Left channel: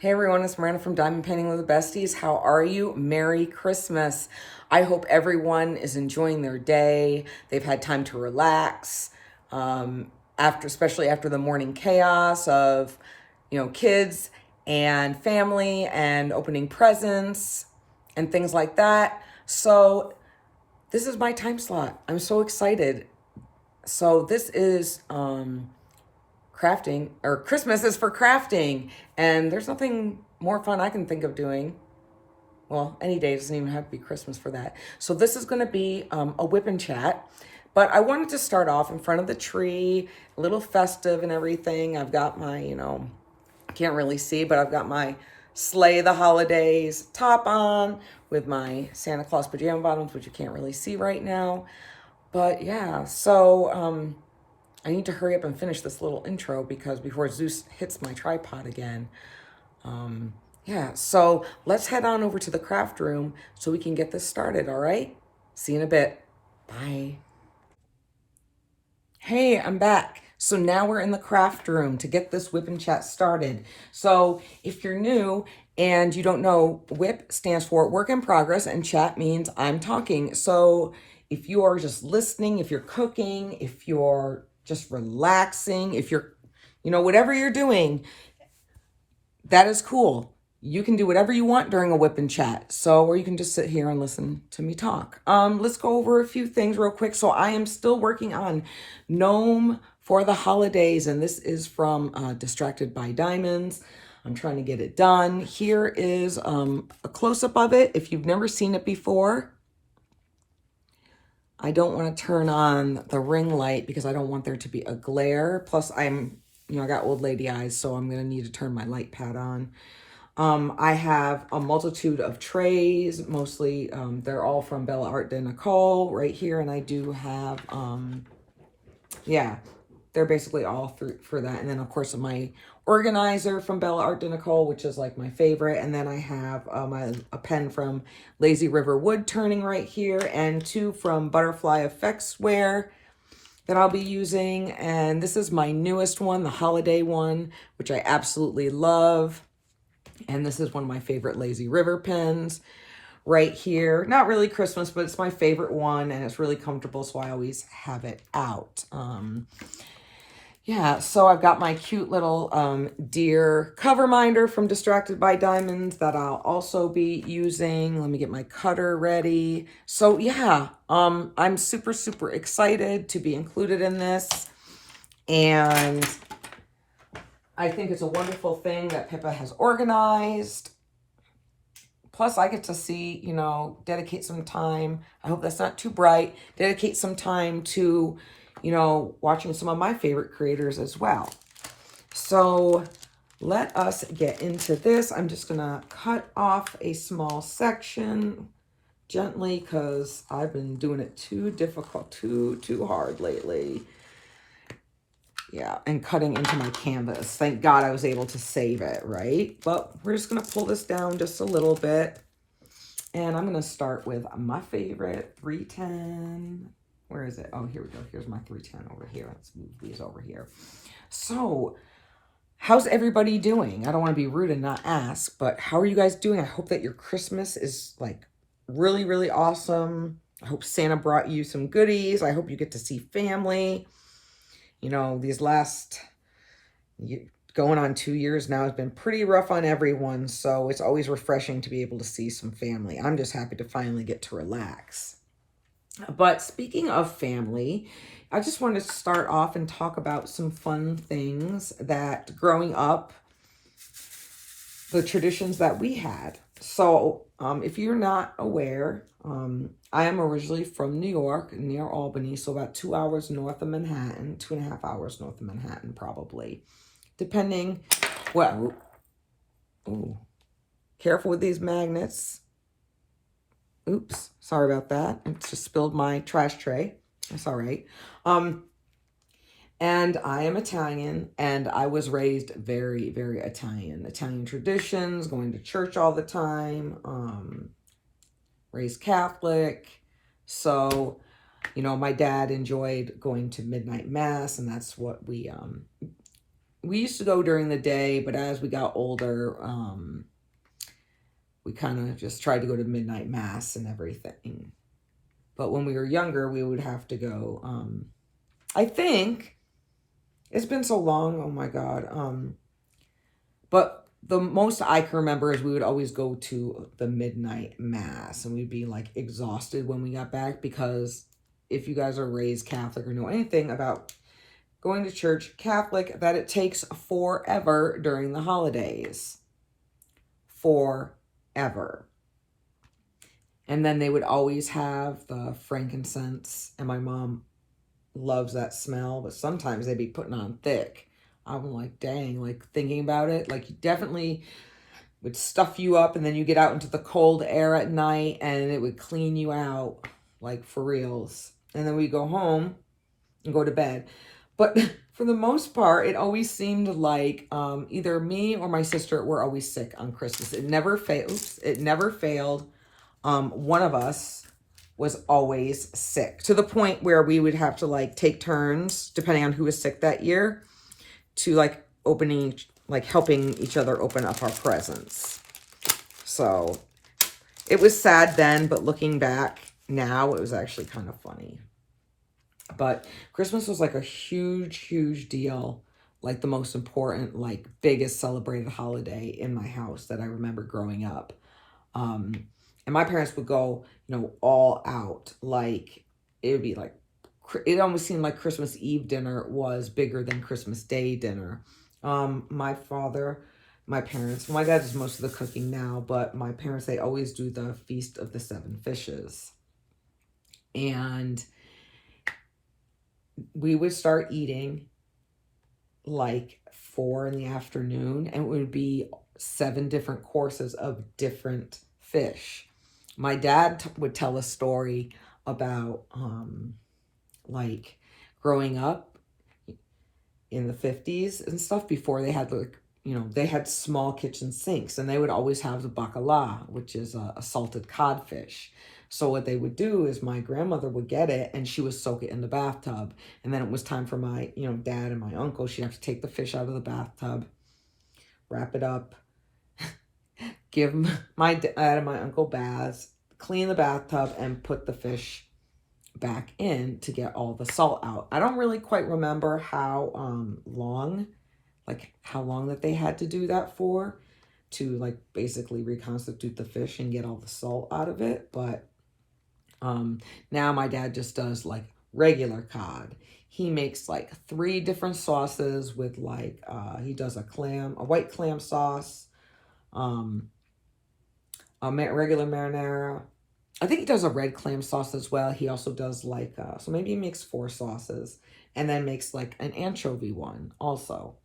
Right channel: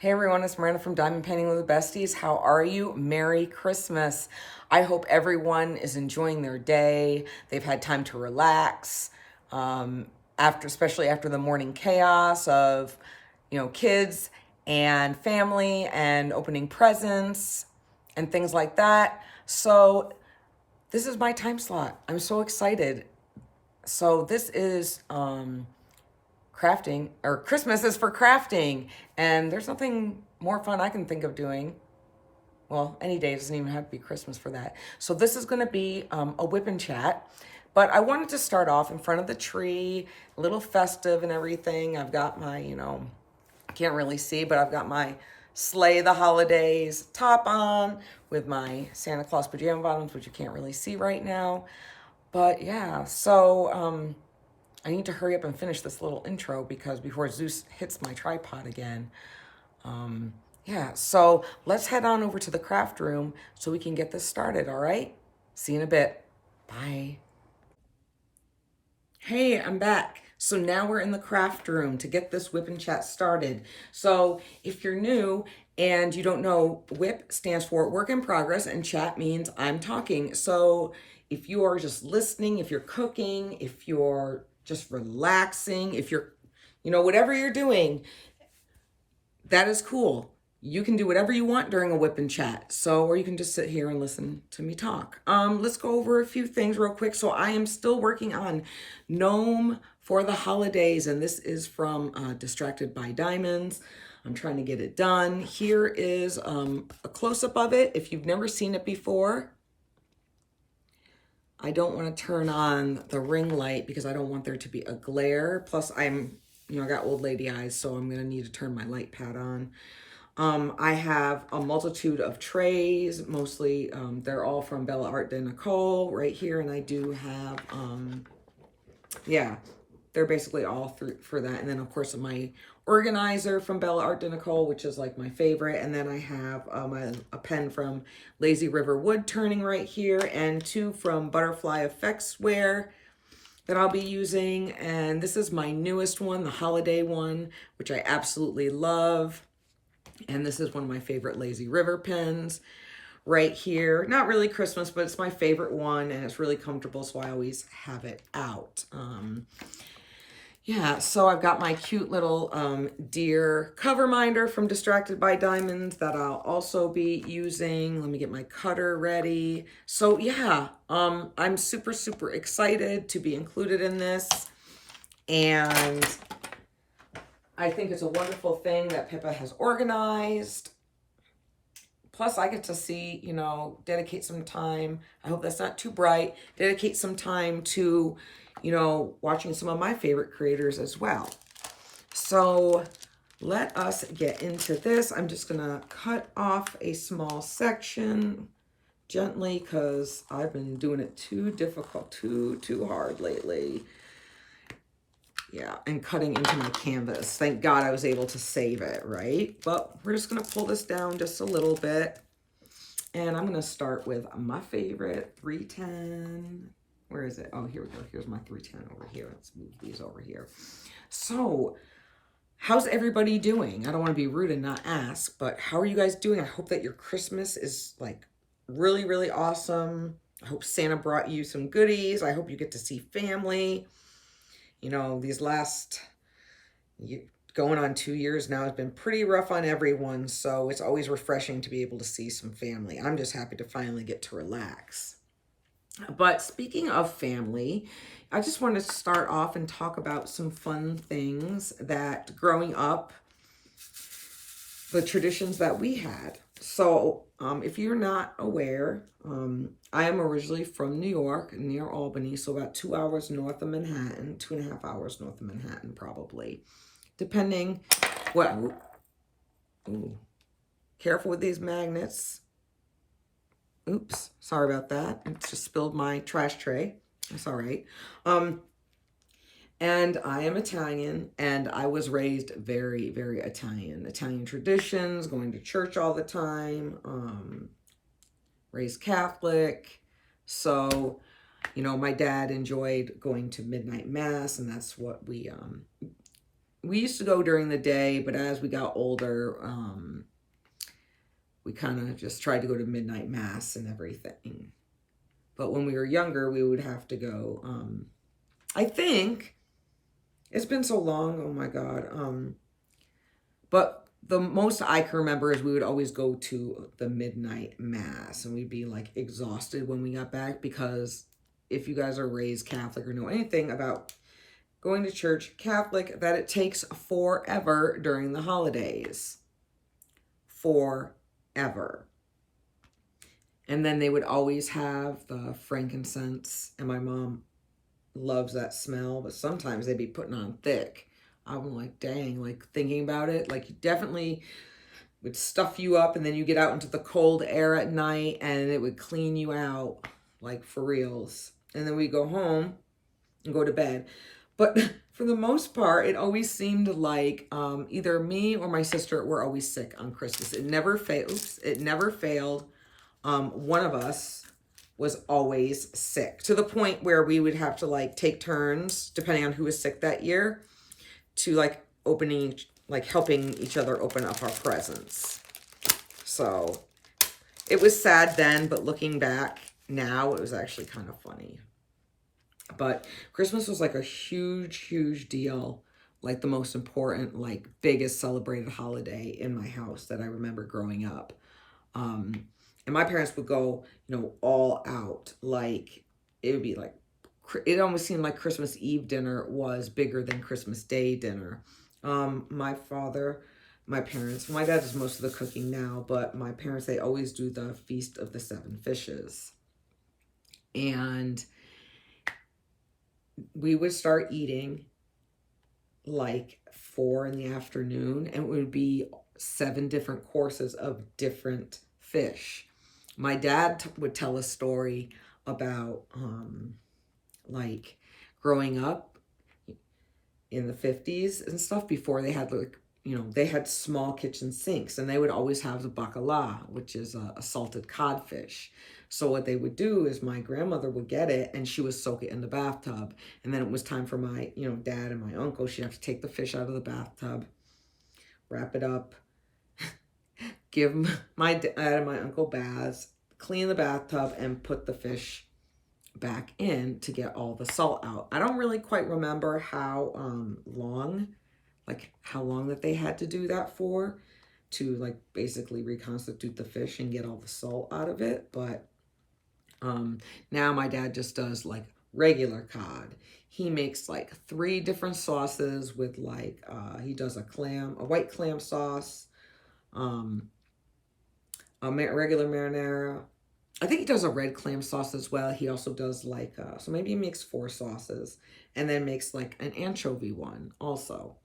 Hey everyone, it's Miranda from Diamond Painting with the Besties. How are you? Merry Christmas. I hope everyone is enjoying their day. They've had time to relax, especially after the morning chaos of, kids and family and opening presents and things like that. So this is my time slot. I'm so excited. So this is crafting, or Christmas is for crafting, and there's nothing more fun I can think of doing. Well, any day, doesn't even have to be Christmas for that. So this is going to be a whip and chat, but I wanted to start off in front of the tree, a little festive and everything. I've got my, can't really see, but I've got my Slay the Holidays top on with my Santa Claus pajama bottoms, which you can't really see right now. But yeah, so I need to hurry up and finish this little intro because before Zeus hits my tripod again. Yeah, so let's head on over to the craft room so we can get this started, all right? See you in a bit. Bye. Hey, I'm back. So now we're in the craft room to get this whip and chat started. So if you're new and you don't know, whip stands for work in progress and chat means I'm talking. So if you are just listening, if you're cooking, if you're just relaxing, if you're, whatever you're doing, that is cool. You can do whatever you want during a whip and chat. So, or you can just sit here and listen to me talk. Let's go over a few things real quick. So I am still working on Gnome for the Holidays, and this is from Distracted by Diamonds. I'm trying to get it done. Here is a close-up of it. If you've never seen it before, I don't want to turn on the ring light because I don't want there to be a glare. Plus I got old lady eyes, so I'm going to need to turn my light pad on. I have a multitude of trays, mostly they're all from Bella Art de Nicole right here. And I do have, they're basically all through for that. And then of course my organizer from Bella Art de Nicole, which is like my favorite. And then I have a pen from Lazy River Wood Turning right here, and two from Butterfly Effects Wear that I'll be using. And this is my newest one, the holiday one, which I absolutely love. And this is one of my favorite Lazy River pens right here. Not really Christmas, but it's my favorite one, and it's really comfortable, so I always have it out. Yeah, so I've got my cute little deer cover minder from Distracted by Diamonds that I'll also be using. Let me get my cutter ready. So yeah, I'm super, super excited to be included in this. And I think it's a wonderful thing that Pippa has organized. Plus, I get to see, dedicate some time. I hope that's not too bright. Dedicate some time to, watching some of my favorite creators as well. So let us get into this. I'm just going to cut off a small section gently because I've been doing it too difficult, too hard lately. Yeah, and cutting into my canvas. Thank God I was able to save it, right? But we're just going to pull this down just a little bit. And I'm going to start with my favorite 310. Where is it? Oh, here we go. Here's my 310 over here. Let's move these over here. So, how's everybody doing? I don't want to be rude and not ask, but how are you guys doing? I hope that your Christmas is like really, really awesome. I hope Santa brought you some goodies. I hope you get to see family. These last going on 2 years now has been pretty rough on everyone, so it's always refreshing to be able to see some family. I'm just happy to finally get to relax. But speaking of family, I just wanted to start off and talk about some fun things that growing up, the traditions that we had. So if you're not aware, I am originally from New York, near Albany, so about 2 hours north of Manhattan, 2.5 hours north of Manhattan, probably. Depending, well, ooh, careful with these magnets. Oops, sorry about that. I just spilled my trash tray. That's all right. And I am Italian, and I was raised very, very Italian. Italian traditions, going to church all the time, raised Catholic. So, my dad enjoyed going to midnight mass, and that's what we we used to go during the day, but as we got older, we kind of just tried to go to midnight mass and everything. But when we were younger, we would have to go. I think it's been so long. Oh my God. But the most I can remember is we would always go to the midnight mass, and we'd be like exhausted when we got back, because if you guys are raised Catholic or know anything about going to church Catholic, that it takes forever during the holidays. Forever. And then they would always have the frankincense, and my mom loves that smell, but sometimes they'd be putting on thick. I'm like, dang, like thinking about it, like you definitely would stuff you up, and then you get out into the cold air at night and it would clean you out, like for reals. And then we go home and go to bed. But for the most part, it always seemed like either me or my sister were always sick on Christmas. It never fails. It never failed. One of us was always sick, to the point where we would have to like take turns, depending on who was sick that year, to like helping each other open up our presents. So it was sad then, but looking back now, it was actually kind of funny. But Christmas was like a huge, huge deal. Like the most important, like biggest celebrated holiday in my house that I remember growing up. And my parents would go, you know, all out. Like it would be like, it almost seemed like Christmas Eve dinner was bigger than Christmas Day dinner. My father, my parents, my dad does most of the cooking now, but my parents, they always do the Feast of the Seven Fishes. And we would start eating like 4 in the afternoon, and it would be 7 different courses of different fish. My dad would tell a story about like growing up in the 50s and stuff, before they had like, you know, they had small kitchen sinks, and they would always have the bacala, which is a salted codfish. So what they would do is my grandmother would get it and she would soak it in the bathtub. And then it was time for my, you know, dad and my uncle. She'd have to take the fish out of the bathtub, wrap it up, give my dad and my uncle baths, clean the bathtub, and put the fish back in to get all the salt out. I don't really quite remember how long that they had to do that for, to like basically reconstitute the fish and get all the salt out of it. But now my dad just does like regular cod. He makes like 3 different sauces with like, he does a white clam sauce, a regular marinara. I think he does a red clam sauce as well. He also does like, so maybe he makes 4 sauces, and then makes like an anchovy one also.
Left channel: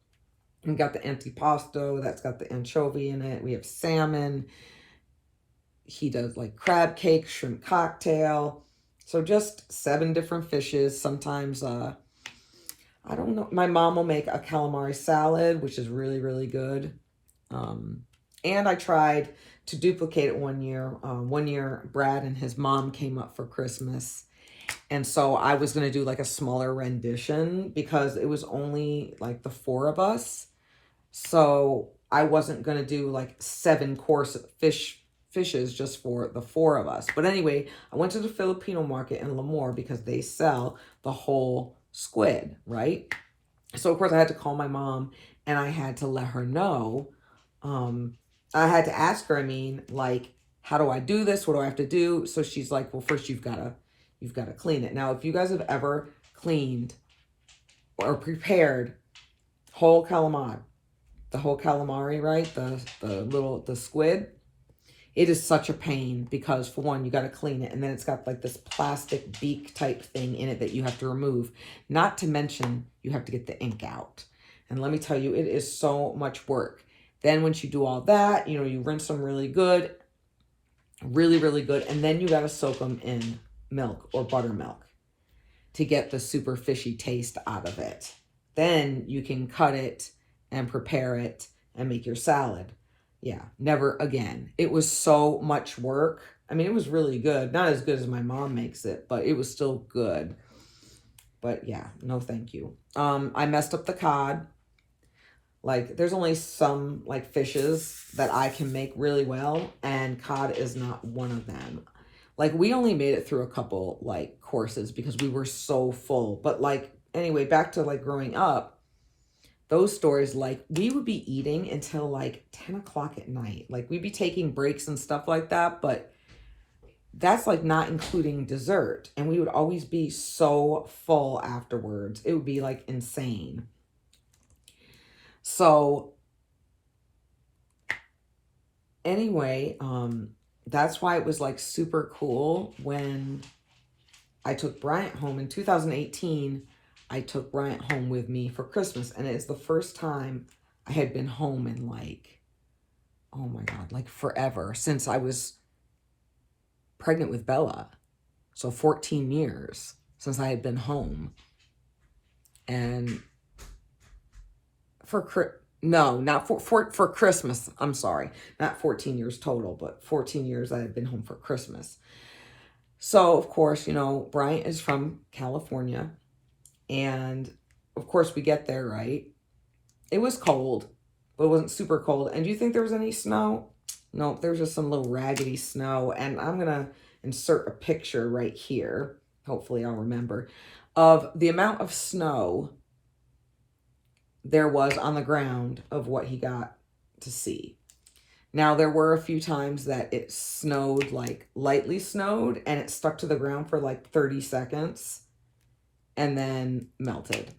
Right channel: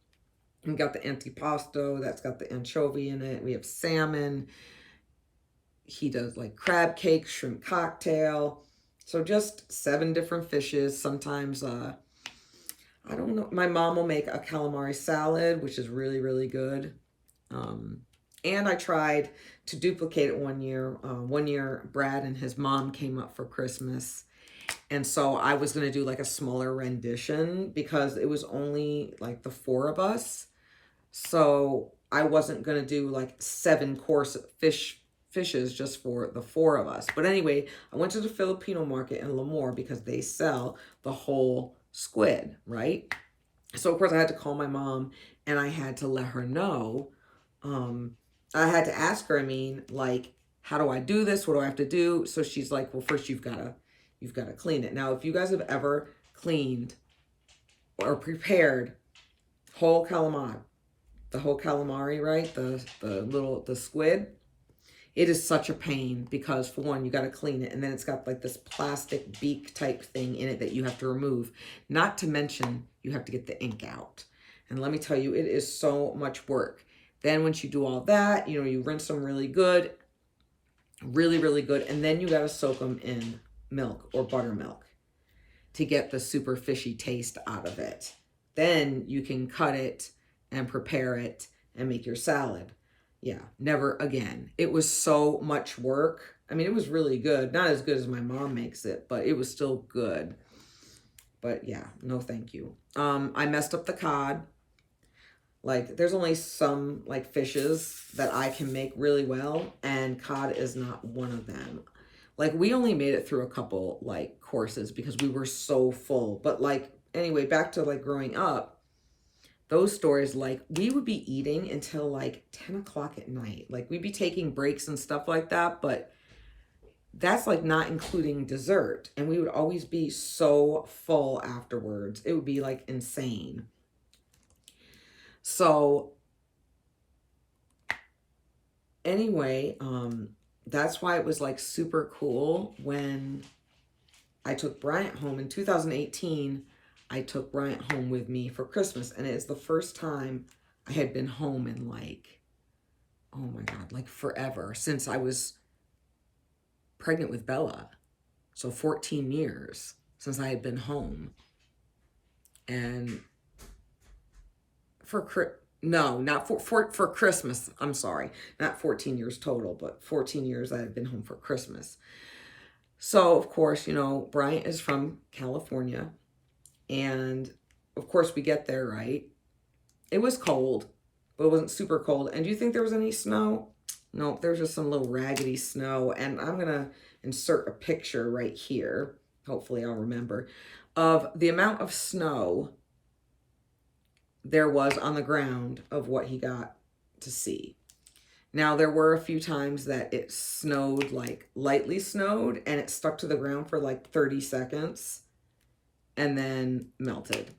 We got the antipasto, that's got the anchovy in it. We have salmon. He does like crab cake, shrimp cocktail. So just 7 different fishes. Sometimes, I don't know. My mom will make a calamari salad, which is really, really good. And I tried to duplicate it one year. One year, Brad and his mom came up for Christmas. And so I was going to do like a smaller rendition, because it was only like the 4 of us. So I wasn't going to do like 7 course fishes just for the 4 of us. But anyway, I went to the Filipino market in Lemoore, because they sell the whole squid, right? So of course I had to call my mom, and I had to let her know. I had to ask her, I mean, like, how do I do this? What do I have to do? So she's like, well, first you've got to clean it. Now, if you guys have ever cleaned or prepared whole calamari, the whole calamari, right? The squid, it is such a pain, because for one, you got to clean it, and then it's got like this plastic beak type thing in it that you have to remove. Not to mention, you have to get the ink out. And let me tell you, it is so much work. Then once you do all that, you know, you rinse them really good, really, really good. And then you got to soak them in milk or buttermilk to get the super fishy taste out of it. Then you can cut it and prepare it and make your salad. Yeah, never again. It was so much work. I mean, it was really good. Not as good as my mom makes it, but it was still good. But yeah, no thank you. I messed up the cod. Like, there's only some, like, fishes that I can make really well, and cod is not one of them. Like, we only made it through a couple, like, courses because we were so full. But, like, anyway, back to, like, growing up, those stories, like, we would be eating until, like, 10 o'clock at night. Like, we'd be taking breaks and stuff like that, but that's, like, not including dessert. And we would always be so full afterwards. It would be, like, insane. So anyway, that's why it was, like, super cool when I took Bryant home in 2018. I took Bryant home with me for Christmas, and it's the first time I had been home in, like, oh my God, like forever, since I was pregnant with Bella. So 14 years since I had been home. And not for Christmas. I'm sorry. Not 14 years total, but 14 years I had been home for Christmas. So, of course, you know, Bryant is from California. And, of course, we get there, right? It was cold, but it wasn't super cold. And do you think there was any snow? No, there's just some little raggedy snow. And I'm going to insert a picture right here. Hopefully I'll remember. Of the amount of snow there was on the ground of what he got to see. Now, there were a few times that it snowed, like lightly snowed, and it stuck to the ground for like 30 seconds and then melted.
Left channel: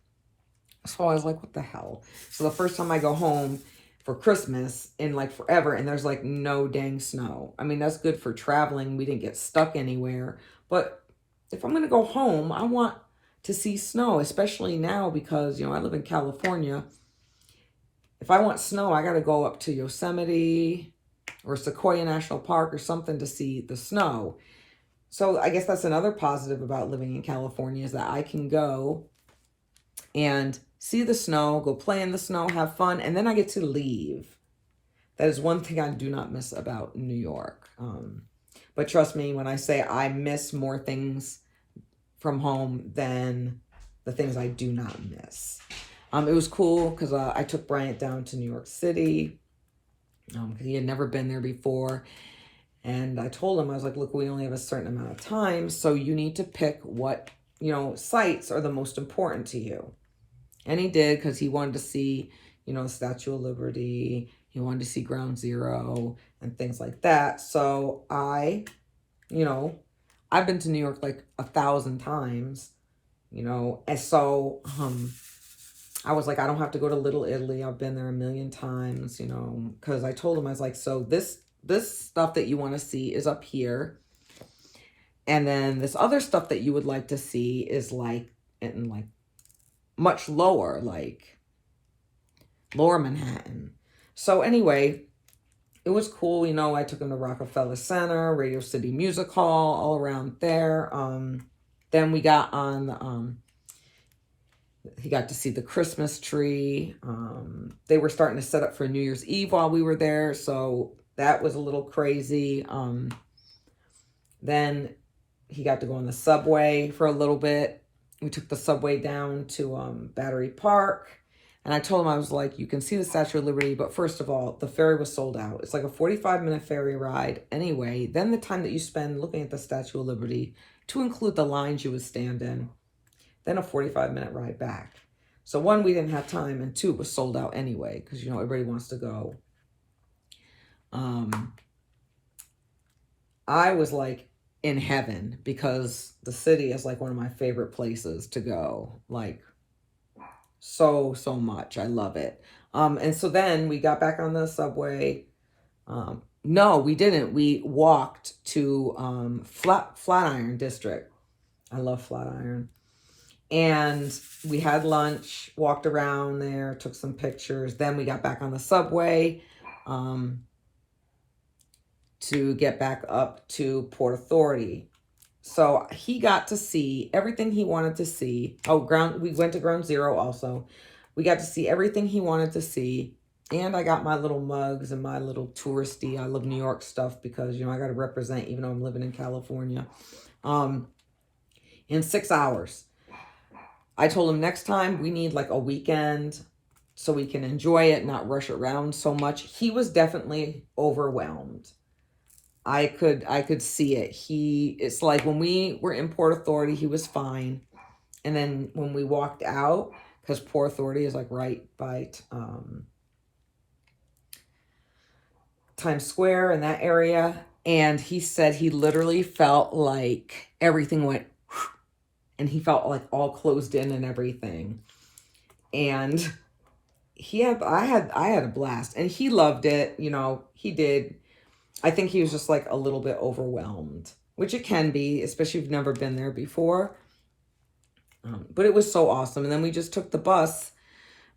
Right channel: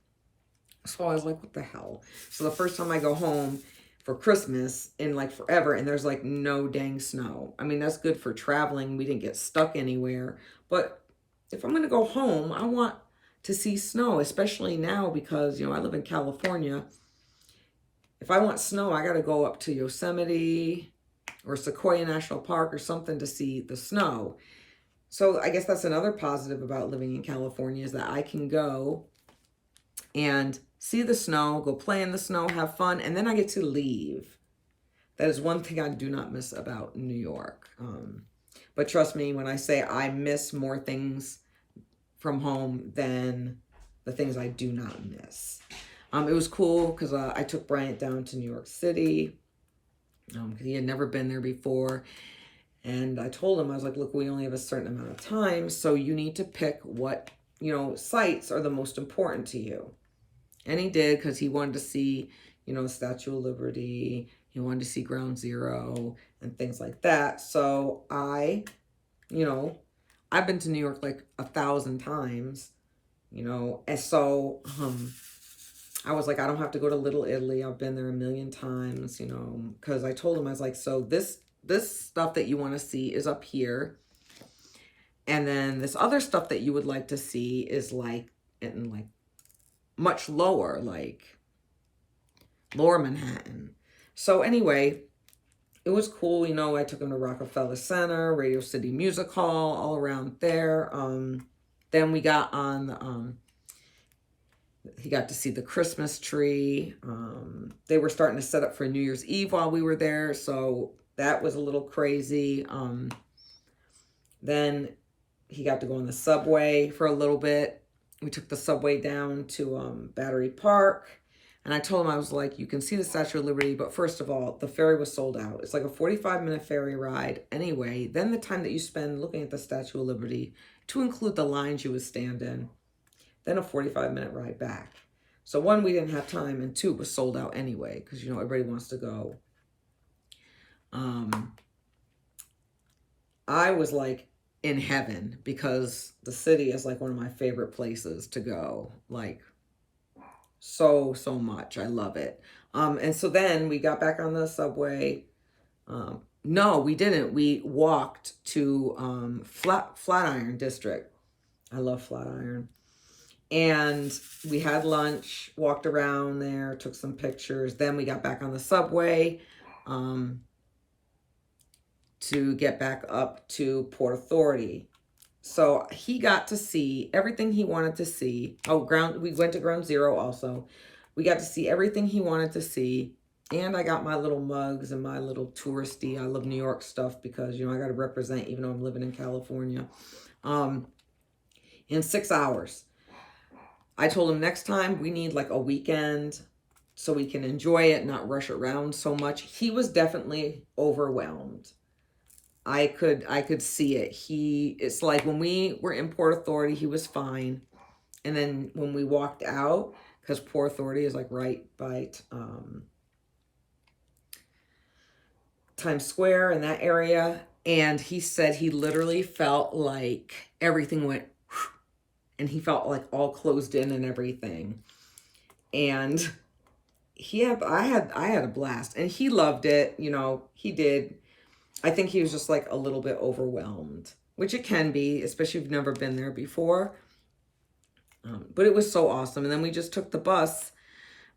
So I was like, what the hell? So the first time I go home for Christmas in like forever, and there's like no dang snow. I mean, that's good for traveling. We didn't get stuck anywhere. But if I'm going to go home, I want to see snow, especially now because, you know, I live in California. If I want snow, I got to go up to Yosemite or Sequoia National Park or something to see the snow. So I guess that's another positive about living in California, is that I can go and see the snow, go play in the snow, have fun, and then I get to leave. That is one thing I do not miss about New York. But trust me when I say I miss more things from home than the things I do not miss. It was cool because I took Bryant down to New York City because he had never been there before. And I told him, I was like, look, we only have a certain amount of time, so you need to pick what, you know, sites are the most important to you. And he did, because he wanted to see, you know, the Statue of Liberty. He wanted to see Ground Zero and things like that. So you know, I've been to New York like 1,000 times, you know, and so I was like, I don't have to go to Little Italy. I've been there a million times, you know, because I told him, I was like, so this stuff that you want to see is up here. And then this other stuff that you would like to see is like in like much lower, like lower Manhattan. So anyway, it was cool. You know, I took him to Rockefeller Center, Radio City Music Hall, all around there. Then we got on, he got to see the Christmas tree. They were starting to set up for New Year's Eve while we were there. So that was a little crazy. Then he got to go on the subway for a little bit. We took the subway down to Battery Park. And I told him, I was like, you can see the Statue of Liberty, but first of all, the ferry was sold out. It's like a 45-minute ferry ride anyway. Then the time that you spend looking at the Statue of Liberty, to include the lines you would stand in, then a 45-minute ride back. So one, we didn't have time, and two, it was sold out anyway, because, you know, everybody wants to go. I was like in heaven, because the city is like one of my favorite places to go. Like, so much. I love it. And so then we got back on the subway. No, we didn't. We walked to Flatiron District. I love Flatiron. And we had lunch, walked around there, took some pictures. Then we got back on the subway to get back up to Port Authority. So he got to see everything he wanted to see. We went to Ground Zero also. We got to see everything he wanted to see. And I got my little mugs and my little touristy, I love New York stuff, because, you know, I got to represent even though I'm living in California. In 6 hours. I told him next time we need like a weekend so we can enjoy it, not rush around so much. He was definitely overwhelmed. I could see it. It's like when we were in Port Authority, he was fine. And then when we walked out, because Port Authority is like right by Times Square in that area. And he said he literally felt like everything went, and he felt like all closed in and everything. And I had a blast, and he loved it. You know, he did. I think he was just like a little bit overwhelmed, which it can be, especially if you've never been there before. But it was so awesome. And then we just took the bus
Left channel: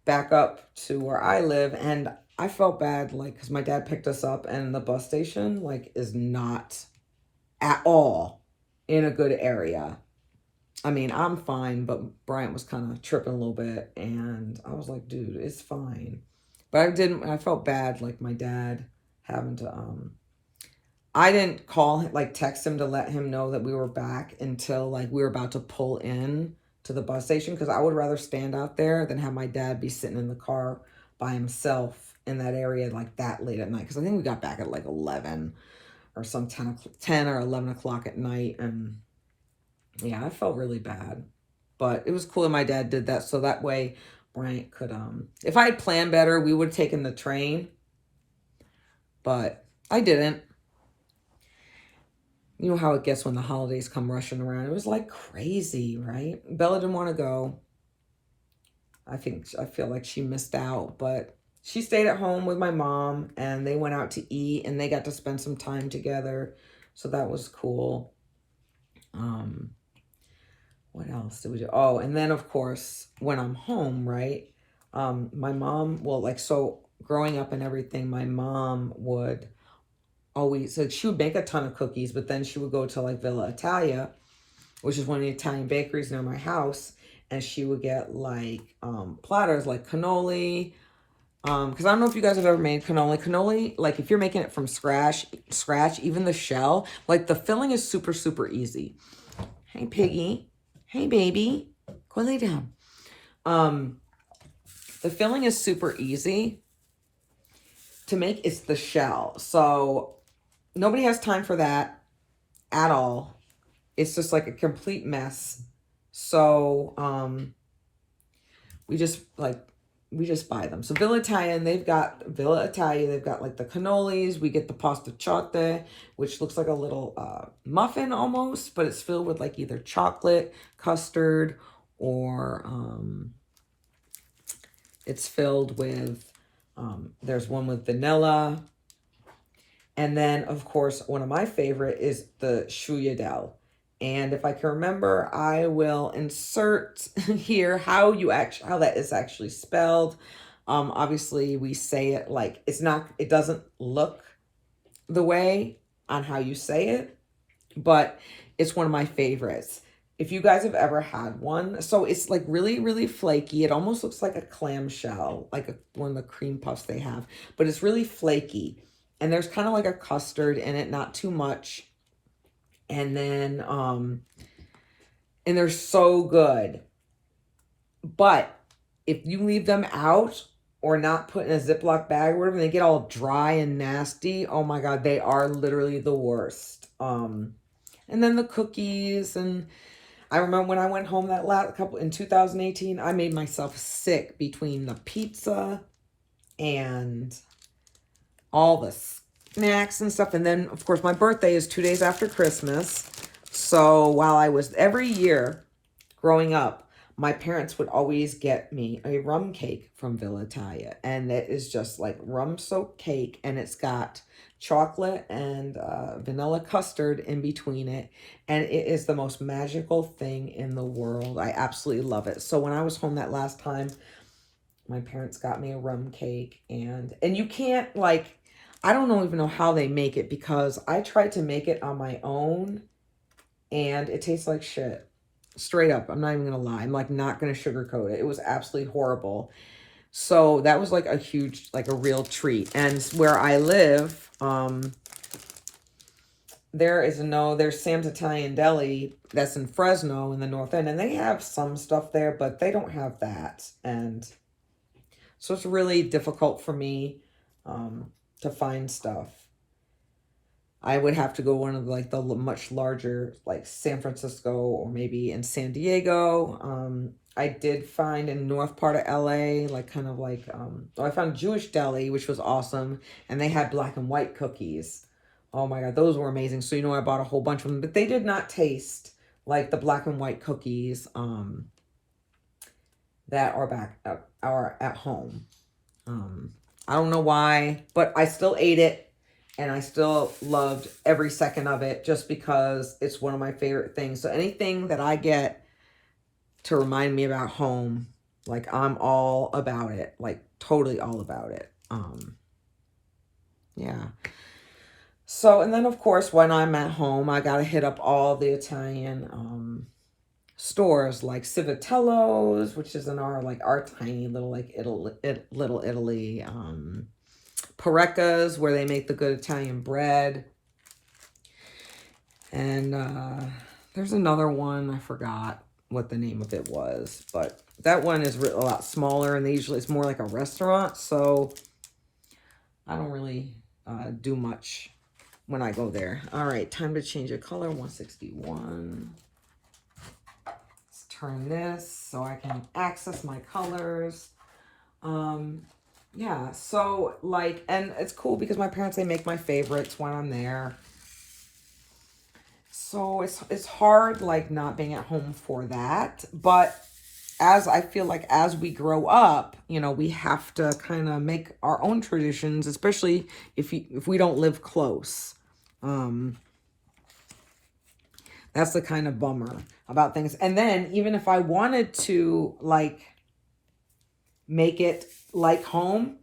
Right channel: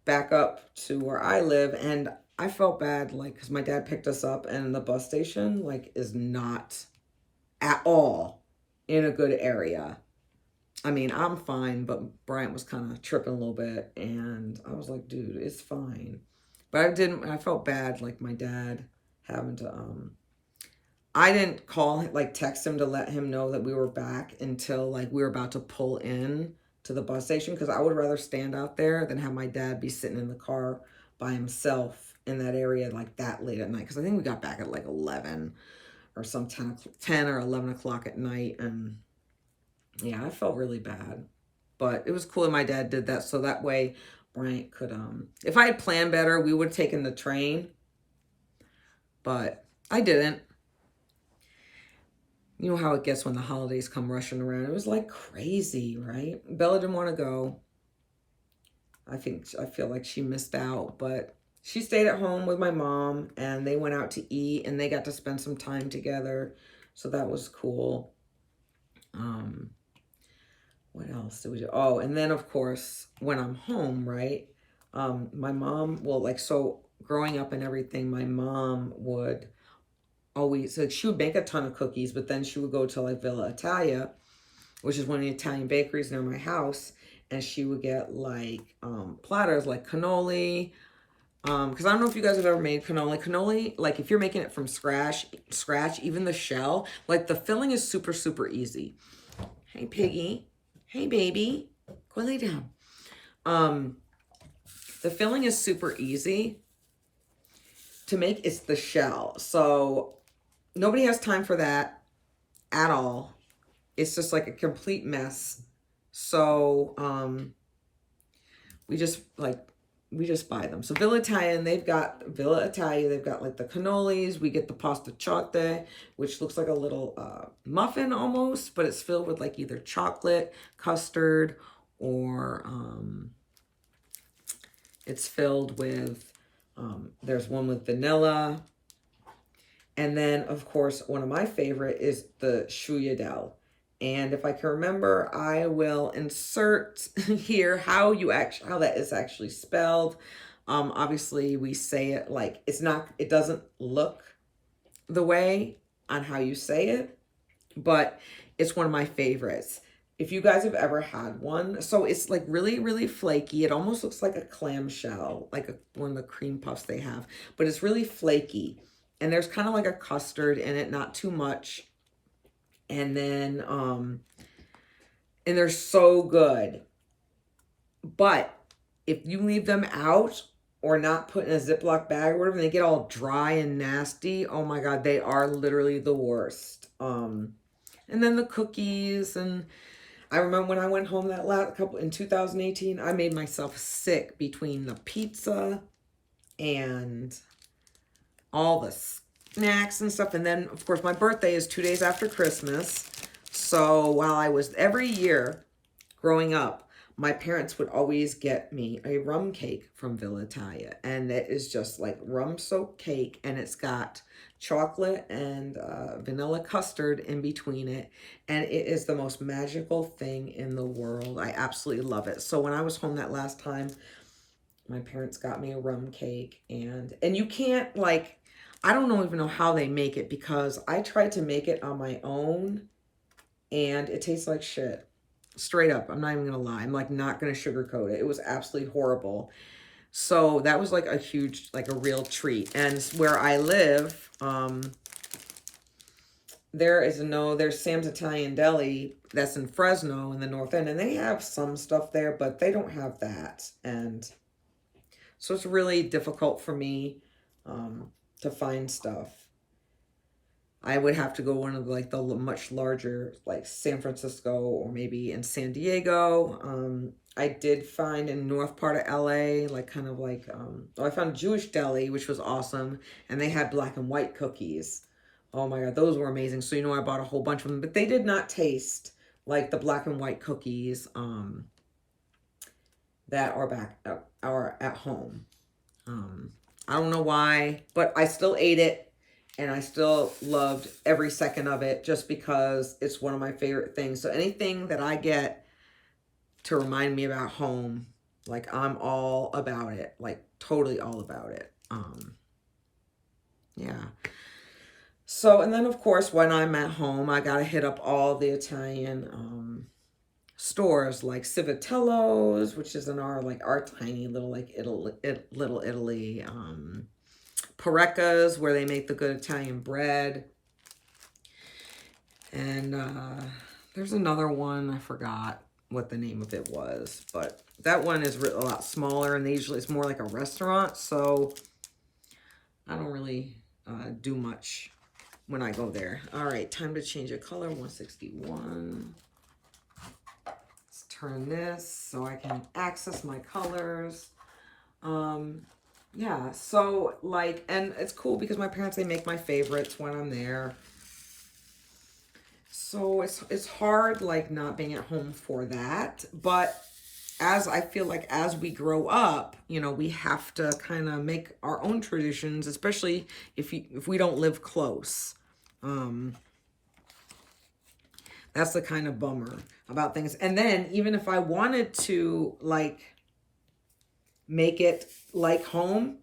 back up to where I live, and I felt bad, like, because my dad picked us up, and the bus station, like, is not at all in a good area. I mean, I'm fine, but Bryant was kind of tripping a little bit, and I was like, dude, it's fine. But I felt bad, like, my dad having to, I didn't call him, like, text him to let him know that we were back until, like, we were about to pull in to the bus station, because I would rather stand out there than have my dad be sitting in the car by himself in that area, like, that late at night. Because I think we got back at, like, 11 or some 10 or 11 o'clock at night, and yeah, I felt really bad. But it was cool that my dad did that, so that way Bryant could, if I had planned better, we would have taken the train, but I didn't. You know how it gets when the holidays come rushing around. It was like crazy, right? Bella didn't want to go. I feel like she missed out, but she stayed at home with my mom, and they went out to eat, and they got to spend some time together. So that was cool. What else did we do? Oh, and then of course, when I'm home, right? My mom, well, like, so growing up and everything, my mom would always, like, she would make a ton of cookies, but then she would go to like Villa Italia, which is one of the Italian bakeries near my house, and she would get like platters like cannoli, because I don't know if you guys have ever made cannoli, like, if you're making it from scratch, even the shell, like, the filling is super, super easy. Hey, piggy. Hey, baby. Go lay down. The filling is super easy to make. It's the shell. So nobody has time for that at all. It's just like a complete mess. So we just buy them. So Villa Italia, they've got like the cannolis. We get the pasta chotte, which looks like a little muffin almost, but it's filled with like either chocolate, custard, or it's filled with, there's one with vanilla. And then, of course, one of my favorite is the sfogliatelle. And if I can remember, I will insert here how that is actually spelled. Obviously, we say it like it doesn't look the way on how you say it, but it's one of my favorites. If you guys have ever had one, so it's like really, really flaky. It almost looks like a clamshell, like one of the cream puffs they have, but it's really flaky. And there's kind of like a custard in it, not too much. And then, and they're so good. But if you leave them out or not put in a Ziploc bag or whatever, they get all dry and nasty. Oh my God, they are literally the worst. And then the cookies, and I remember when I went home that in 2018, I made myself sick between the pizza and all the snacks and stuff. And then, of course, my birthday is 2 days after Christmas. So while every year growing up, my parents would always get me a rum cake from Villa Italia. And it is just like rum-soaked cake, and it's got chocolate and vanilla custard in between it. And it is the most magical thing in the world. I absolutely love it. So when I was home that last time, my parents got me a rum cake. And you can't, like, I don't even know how they make it, because I tried to make it on my own and it tastes like shit. Straight up. I'm not even going to lie. I'm like not going to sugarcoat it. It was absolutely horrible. So that was like a huge, like a real treat. And where I live, there's Sam's Italian Deli that's in Fresno in the North End, and they have some stuff there, but they don't have that. And So it's really difficult for me to find stuff. I would have to go one of like the much larger, like San Francisco or maybe in San Diego. I did find in north part of LA, like kind of like, I found Jewish Deli, which was awesome. And they had black and white cookies. Oh my God, those were amazing. So, you know, I bought a whole bunch of them, but they did not taste like the black and white cookies that are at home. I don't know why, but I still ate it. And I still loved every second of it just because it's one of my favorite things. So anything that I get to remind me about home, like I'm all about it, like totally all about it. Yeah. So, and then of course, when I'm at home, I got to hit up all the Italian stores like Civitello's, which is in our tiny little like little Italy. Parecca's, where they make the good Italian bread. And there's another one, I forgot what the name of it was, but that one is a lot smaller, and it's more like a restaurant, so I don't really do much when I go there. All right, time to change the color, 161. Let's turn this so I can access my colors. Yeah, so like, and it's cool because my parents, they make my favorites when I'm there. So it's hard like not being at home for that. But as I feel like as we grow up, you know, we have to kind of make our own traditions, especially if we don't live close. That's the kind of bummer about things. And then even if I wanted to like make it like home,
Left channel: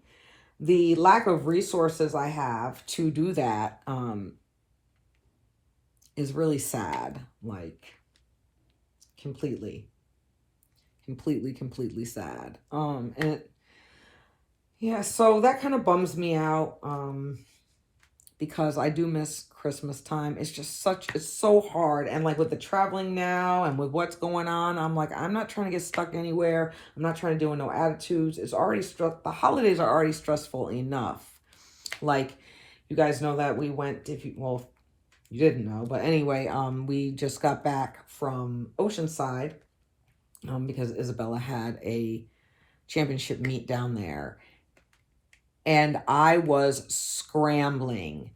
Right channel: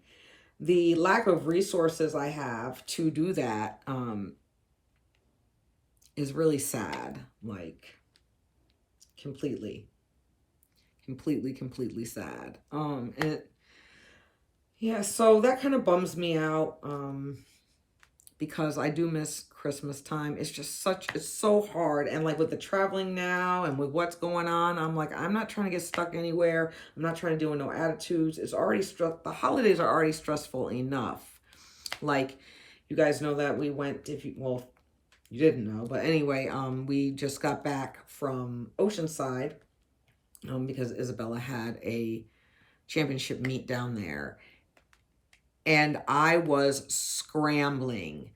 the lack of resources I have to do that is really sad, like completely sad. And yeah, so that kind of bums me out because I do miss Christmas time. It's just it's so hard. And like with the traveling now and with what's going on, I'm like, I'm not trying to get stuck anywhere. I'm not trying to do no attitudes. It's already the holidays are already stressful enough. Like, you guys know that we went, you didn't know, but anyway, we just got back from Oceanside because Isabella had a championship meet down there. And I was scrambling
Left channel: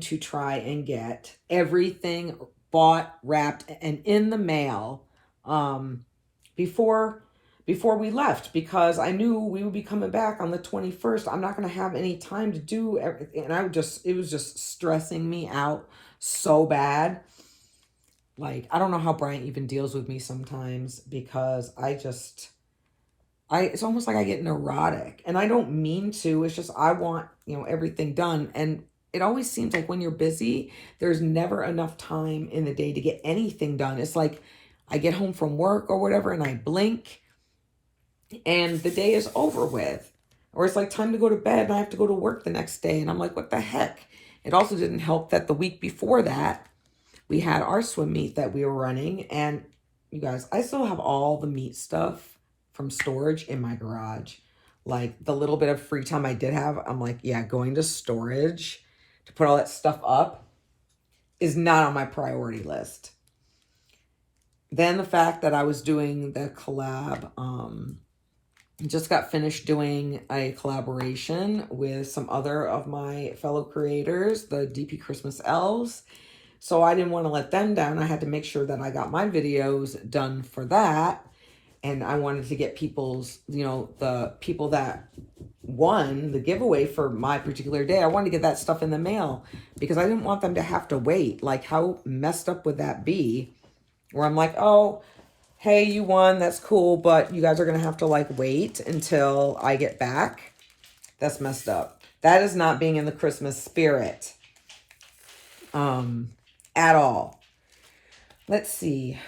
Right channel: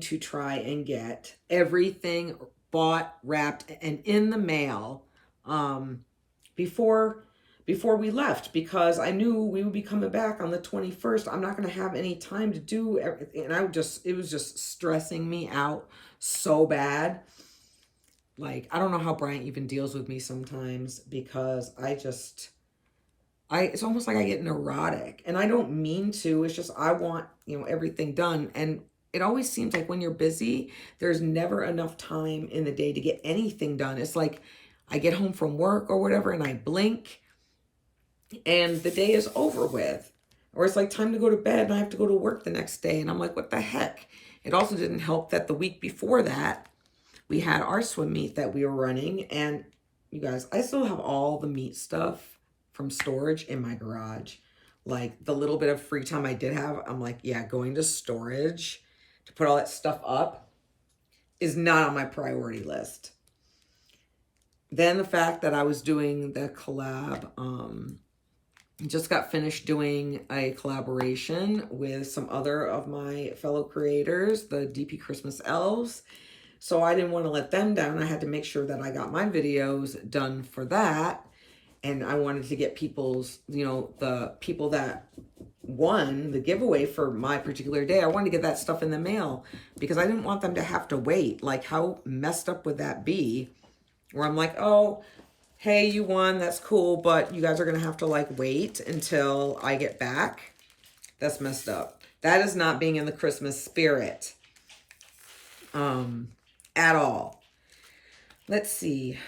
to try and get everything bought, wrapped, and in the mail before we left, because I knew we would be coming back on the 21st. I'm not going to have any time to do everything. And it was just stressing me out so bad. Like, I don't know how Brian even deals with me sometimes, because it's almost like I get neurotic, and I don't mean to. It's just, I want, you know, everything done. And it always seems like when you're busy, there's never enough time in the day to get anything done. It's like I get home from work or whatever, and I blink and the day is over with. Or it's like time to go to bed and I have to go to work the next day. And I'm like, what the heck? It also didn't help that the week before that, we had our swim meet that we were running. And you guys, I still have all the meat stuff from storage in my garage. Like, the little bit of free time I did have, I'm like, yeah, going to storage to put all that stuff up is not on my priority list. Then the fact that I was doing the collab, just got finished doing a collaboration with some other of my fellow creators, the DP Christmas Elves. So I didn't want to let them down. I had to make sure that I got my videos done for that. And I wanted to get people's, you know, the people that won the giveaway for my particular day, I wanted to get that stuff in the mail because I didn't want them to have to wait. Like, how messed up would that be? Where I'm like, oh, hey, you won, that's cool, but you guys are going to have to, like, wait until I get back. That's messed up. That is not being in the Christmas spirit at all. Let's see.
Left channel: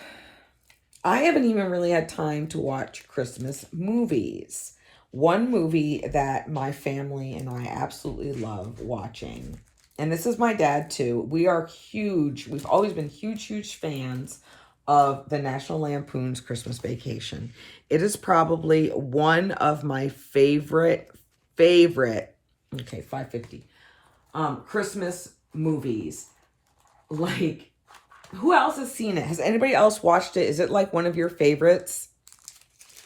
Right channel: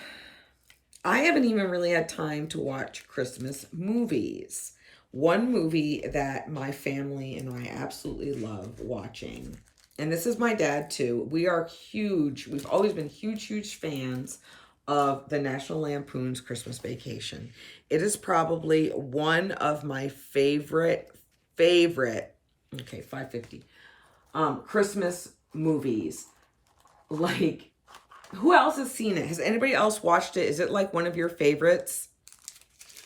I haven't even really had time to watch Christmas movies. One movie that my family and I absolutely love watching, and this is my dad too. We are huge. We've always been huge fans of the National Lampoon's Christmas Vacation. It is probably one of my favorite, okay, 550, Christmas movies. Like, who else has seen it? Has anybody else watched it? Is it like one of your favorites?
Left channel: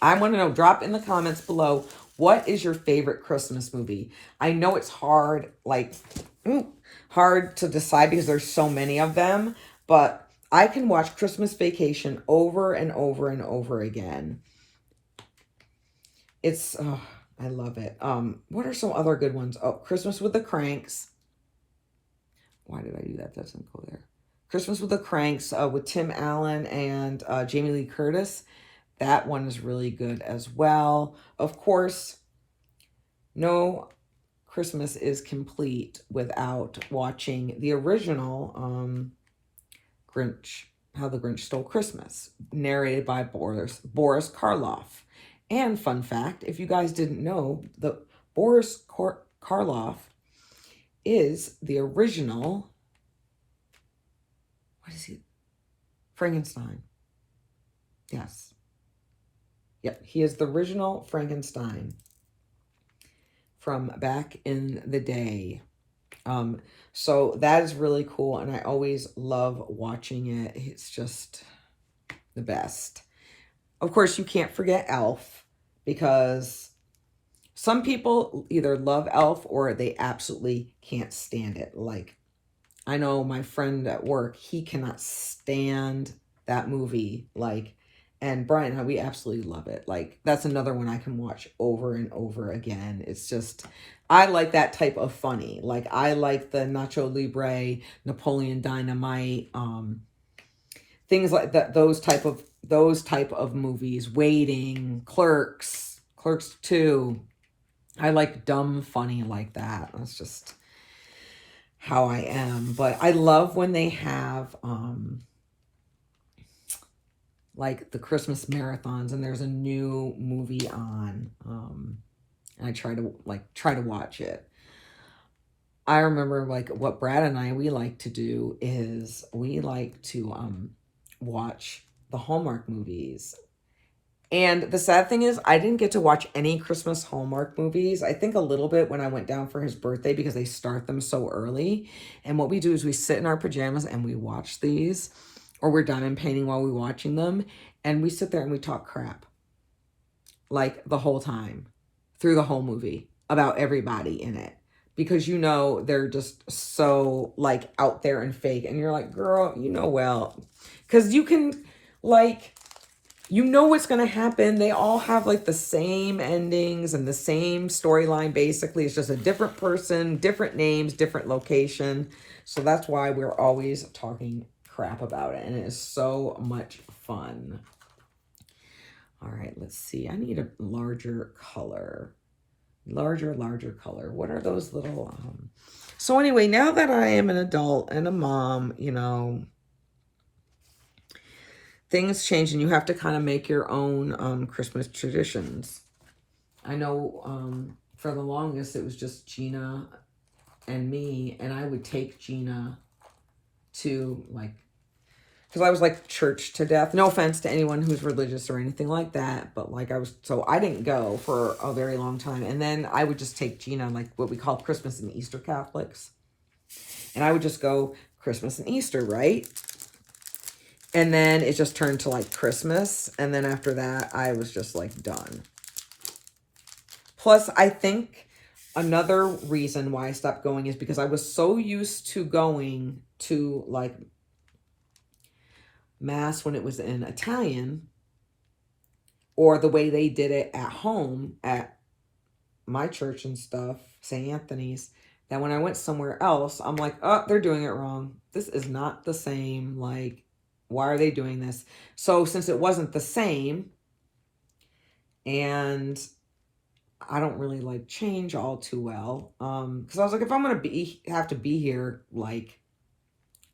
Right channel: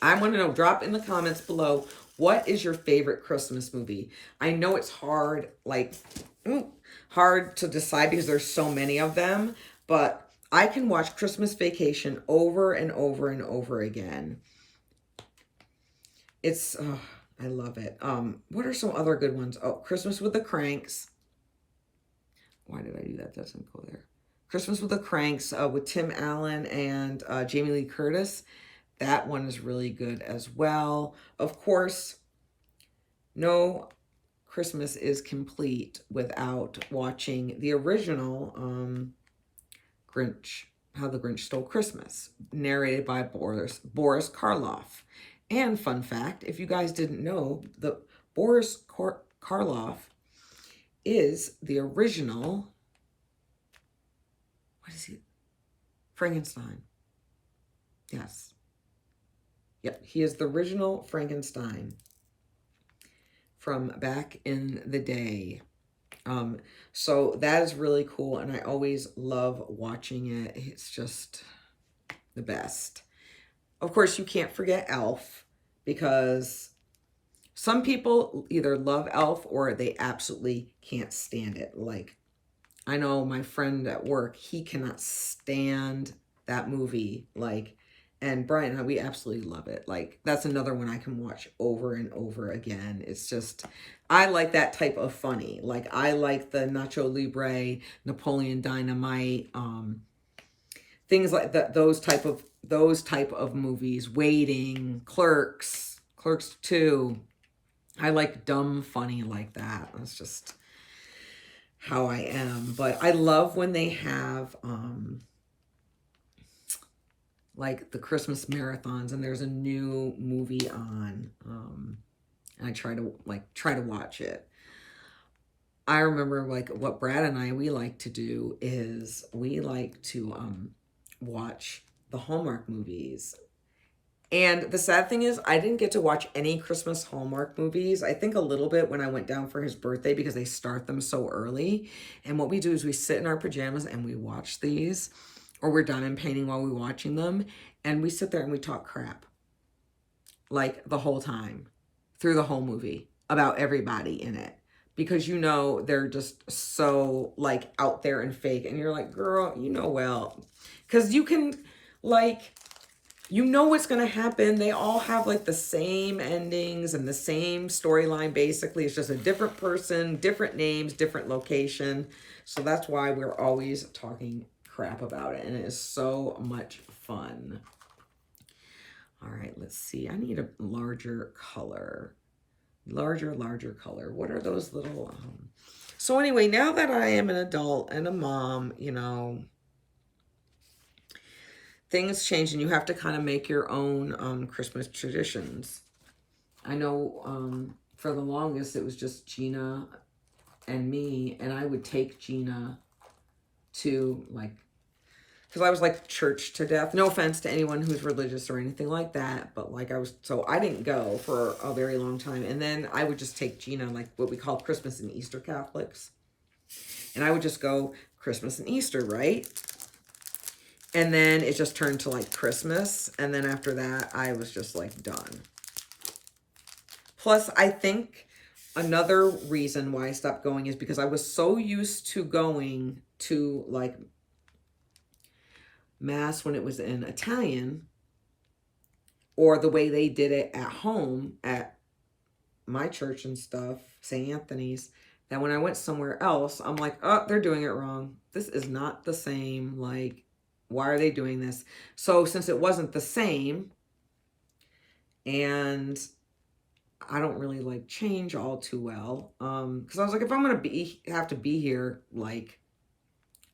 I want to know. Drop in the comments below. What is your favorite Christmas movie? I know it's hard, like, hard to decide because there's so many of them, but I can watch Christmas Vacation over and over and over again. It's, oh, I love it. What are some other good ones? Oh, Christmas with the Cranks. Why did I do that? That doesn't go there. Christmas with the Cranks with Tim Allen and Jamie Lee Curtis. That one is really good as well. Of course, no Christmas is complete without watching the original Grinch, How the Grinch Stole Christmas, narrated by Boris Karloff. And fun fact, if you guys didn't know, the Boris Karloff is the original, what is he? Frankenstein. Yes. Yep, he is the original Frankenstein from back in the day. So that is really cool, and I always love watching it. It's just the best. Of course, you can't forget Elf, because some people either love Elf or they absolutely can't stand it. Like, I know my friend at work, he cannot stand that movie. Like, and Brian and I, we absolutely love it. Like, that's another one I can watch over and over again. It's just, I like that type of funny. Like, I like the Nacho Libre, Napoleon Dynamite, things like that. Those type of movies. Waiting, Clerks 2. I like dumb funny like that. That's just how I am. But I love when they have like the Christmas marathons and there's a new movie on. And I try to watch it. I remember, like, what Brad and I, we like to do is we like to watch the Hallmark movies. And the sad thing is, I didn't get to watch any Christmas Hallmark movies. I think a little bit when I went down for his birthday because they start them so early. And what we do is we sit in our pajamas and we watch these, or we're diamond painting while we're watching them. And we sit there and we talk crap, like, the whole time, through the whole movie, about everybody in it. Because, you know, they're just so, like, out there and fake. And you're like, girl, you know, well, because you can, like, you know what's going to happen. They all have, like, the same endings and the same storyline, basically. It's just a different person, different names, different location. So that's why we're always talking crap about it. And it is so much fun. All right, let's see. I need a larger color. Larger color. What are those little... So anyway, now that I am an adult and a mom, you know, things change and you have to kind of make your own Christmas traditions. I know for the longest it was just Gina and me, and I would take Gina to, like, because I was, like, church to death. No offense to anyone who's religious or anything like that, but, like, so I didn't go for a very long time. And then I would just take Gina, like, what we call Christmas and Easter Catholics. And I would just go Christmas and Easter, right? And then it just turned to, like, Christmas. And then after that, I was just, like, done. Plus, I think another reason why I stopped going is because I was so used to going to, like, Mass when it was in Italian, or the way they did it at home at my church and stuff, St. Anthony's, that when I went somewhere else, I'm like, oh, they're doing it wrong. This is not the same. Like, why are they doing this? So since it wasn't the same, and I don't really like change all too well, because I was like, if I'm going to have to be here, like,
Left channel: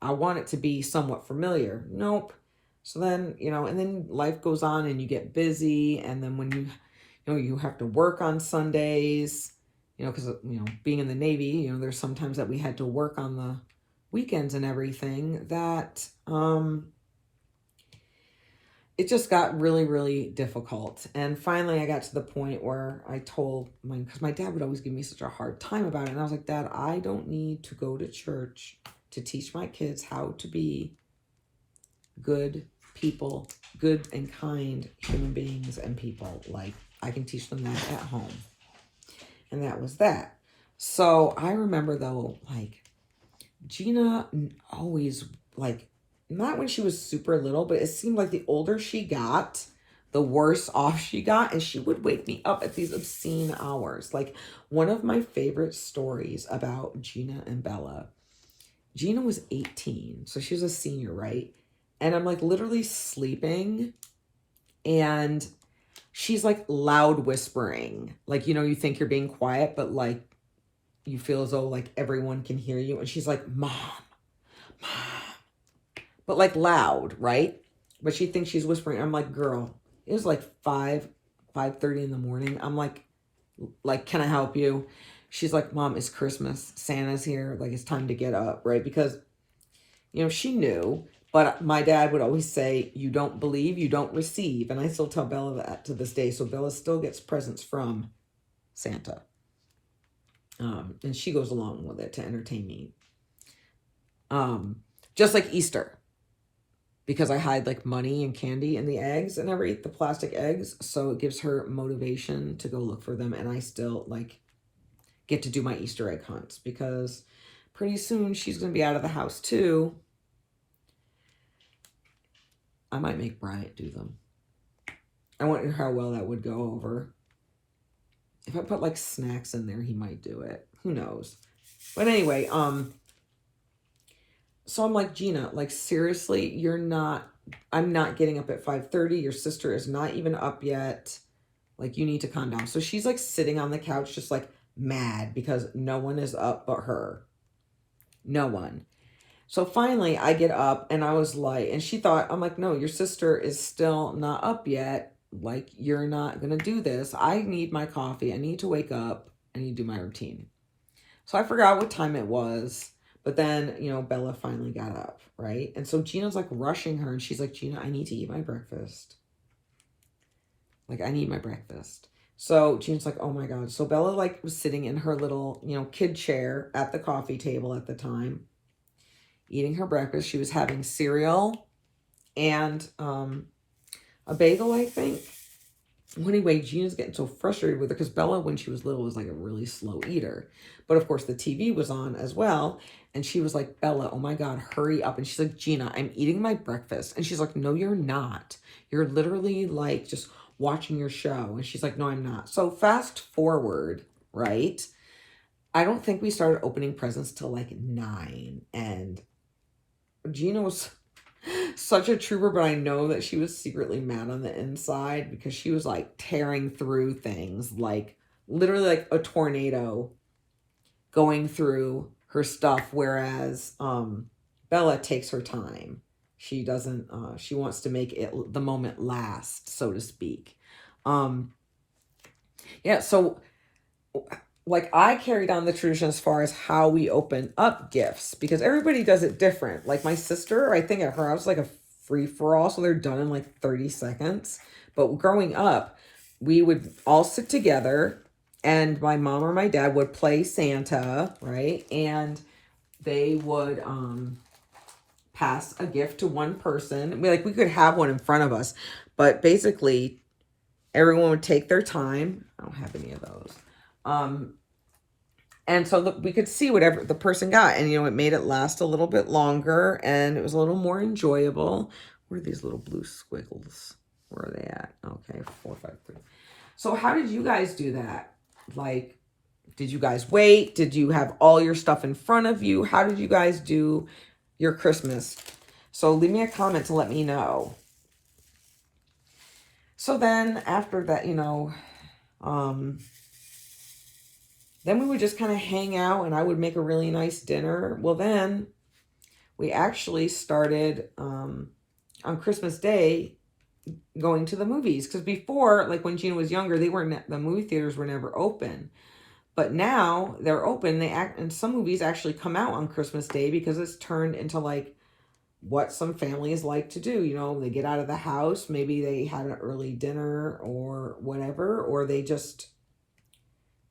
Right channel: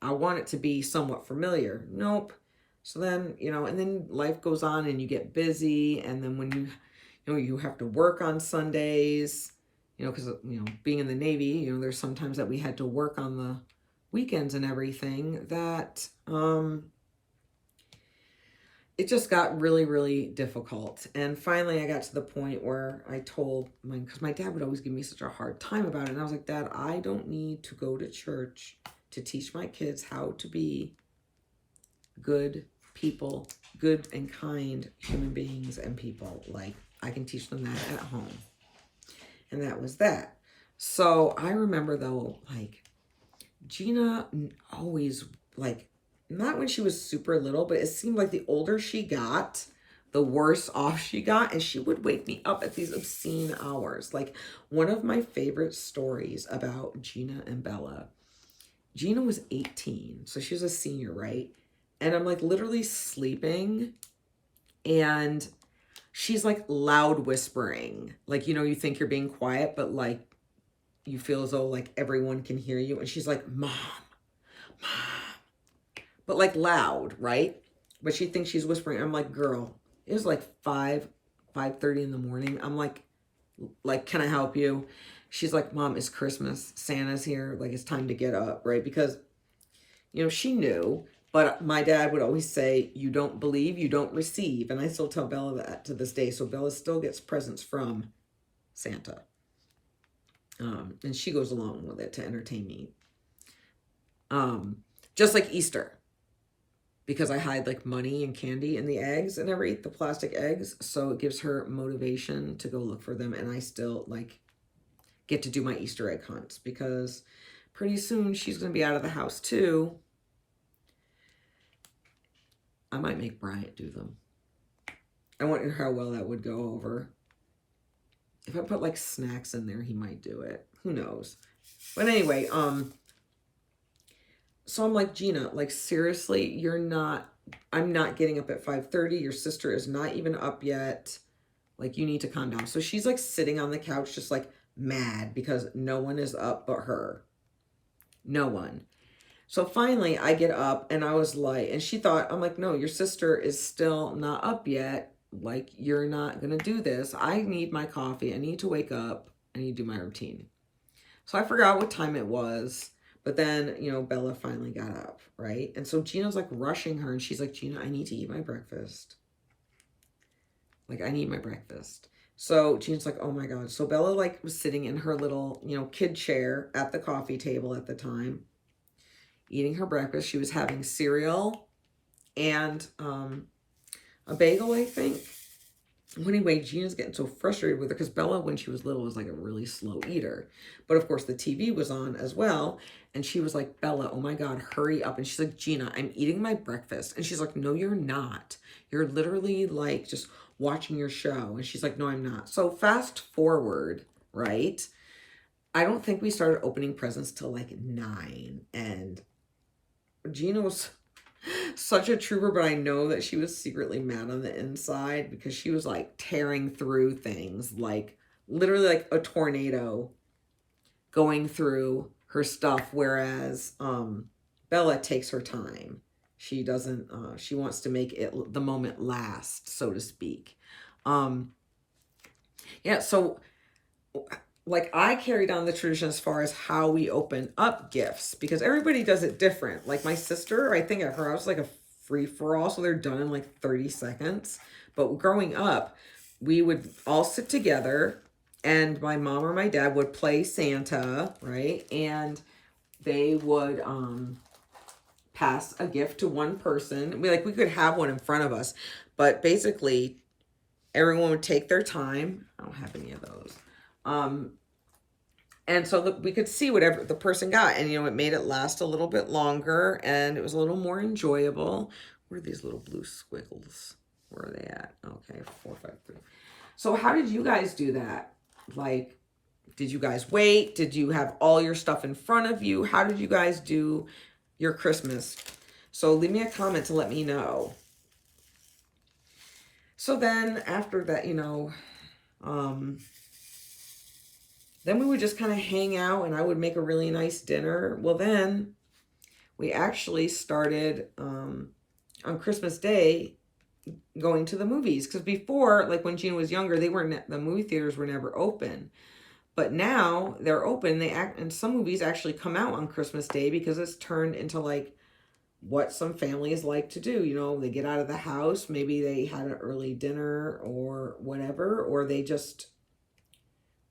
I want it to be somewhat familiar. Nope. So then, you know, and then life goes on and you get busy. And then when you know, you have to work on Sundays, you know, because, you know, being in the Navy, you know, there's sometimes that we had to work on the weekends and everything that, it just got really, really difficult. And finally I got to the point where I told because my dad would always give me such a hard time about it. And I was like, Dad, I don't need to go to church to teach my kids how to be good people, good and kind human beings and people. Like, I can teach them that at home. And that was that. So I remember though, like, Gina always, like, not when she was super little, but it seemed like the older she got, the worse off she got. And she would wake me up at these obscene hours. Like, one of my favorite stories about Gina and Bella, Gina was 18. So she was a senior, right? And I'm like literally sleeping and she's like loud whispering. Like, you know, you think you're being quiet, but like you feel as though like everyone can hear you. And she's like, Mom, but like loud, right? But she thinks she's whispering. I'm like, girl, it was like 5:30 in the morning. I'm like, can I help you? She's like, Mom, it's Christmas. Santa's here. Like, it's time to get up, right? Because, you know, she knew. But my dad would always say, you don't believe, you don't receive. And I still tell Bella that to this day. So Bella still gets presents from Santa. And she goes along with it to entertain me. Just like Easter. Because I hide like money and candy in the eggs and never eat the plastic eggs. So it gives her motivation to go look for them. And I still like get to do my Easter egg hunts. Because pretty soon she's going to be out of the house too. I might make Bryant do them. I wonder how well that would go over. If I put like snacks in there, he might do it. Who knows? But anyway, so I'm like, Gina, like seriously, I'm not getting up at 5:30. Your sister is not even up yet. Like, you need to calm down. So she's like sitting on the couch, just like mad because no one is up but her. No one. So finally I get up and I was like, and she thought, I'm like, no, your sister is still not up yet. Like, you're not going to do this. I need my coffee. I need to wake up. I need to do my routine. So I forgot what time it was. But then, you know, Bella finally got up, right? And so Gina's like rushing her and she's like, Gina, I need to eat my breakfast. Like, I need my breakfast. So Gina's like, oh my God. So Bella like was sitting in her little, you know, kid chair at the coffee table at the time, eating her breakfast. She was having cereal and a bagel, I think. Anyway, Gina's getting so frustrated with her because Bella, when she was little, was like a really slow eater. But of course, the TV was on as well. And she was like, Bella, oh my God, hurry up. And she's like, Gina, I'm eating my breakfast. And she's like, no, you're not. You're literally like just watching your show. And she's like, no, I'm not. So fast forward, right? I don't think we started opening presents till like 9. And Gina was such a trooper, but I know that she was secretly mad on the inside because she was like tearing through things, like literally like a tornado going through her stuff. Whereas Bella takes her time. She doesn't, she wants to make it the moment last, so to speak. Yeah, so like I carried on the tradition as far as how we open up gifts because everybody does it different. Like my sister, I think at her house, like a free-for-all, so they're done in like 30 seconds. But growing up, we would all sit together and my mom or my dad would play Santa, right? And they would pass a gift to one person. We could have one in front of us, but basically everyone would take their time. I don't have any of those. And so we could see whatever the person got. And, you know, it made it last a little bit longer and it was a little more enjoyable. Where are these little blue squiggles? Where are they at? Okay, 4, 5, 3. So how did you guys do that? Like, did you guys wait? Did you have all your stuff in front of you? How did you guys do your Christmas? So leave me a comment to let me know. So then after that, you know, then we would just kind of hang out and I would make a really nice dinner. Well, then we actually started on Christmas Day going to the movies. Because before, like when Gina was younger, the movie theaters were never open. But now they're open. And some movies actually come out on Christmas Day because it's turned into like what some families like to do. You know, they get out of the house, maybe they had an early dinner or whatever, or they just,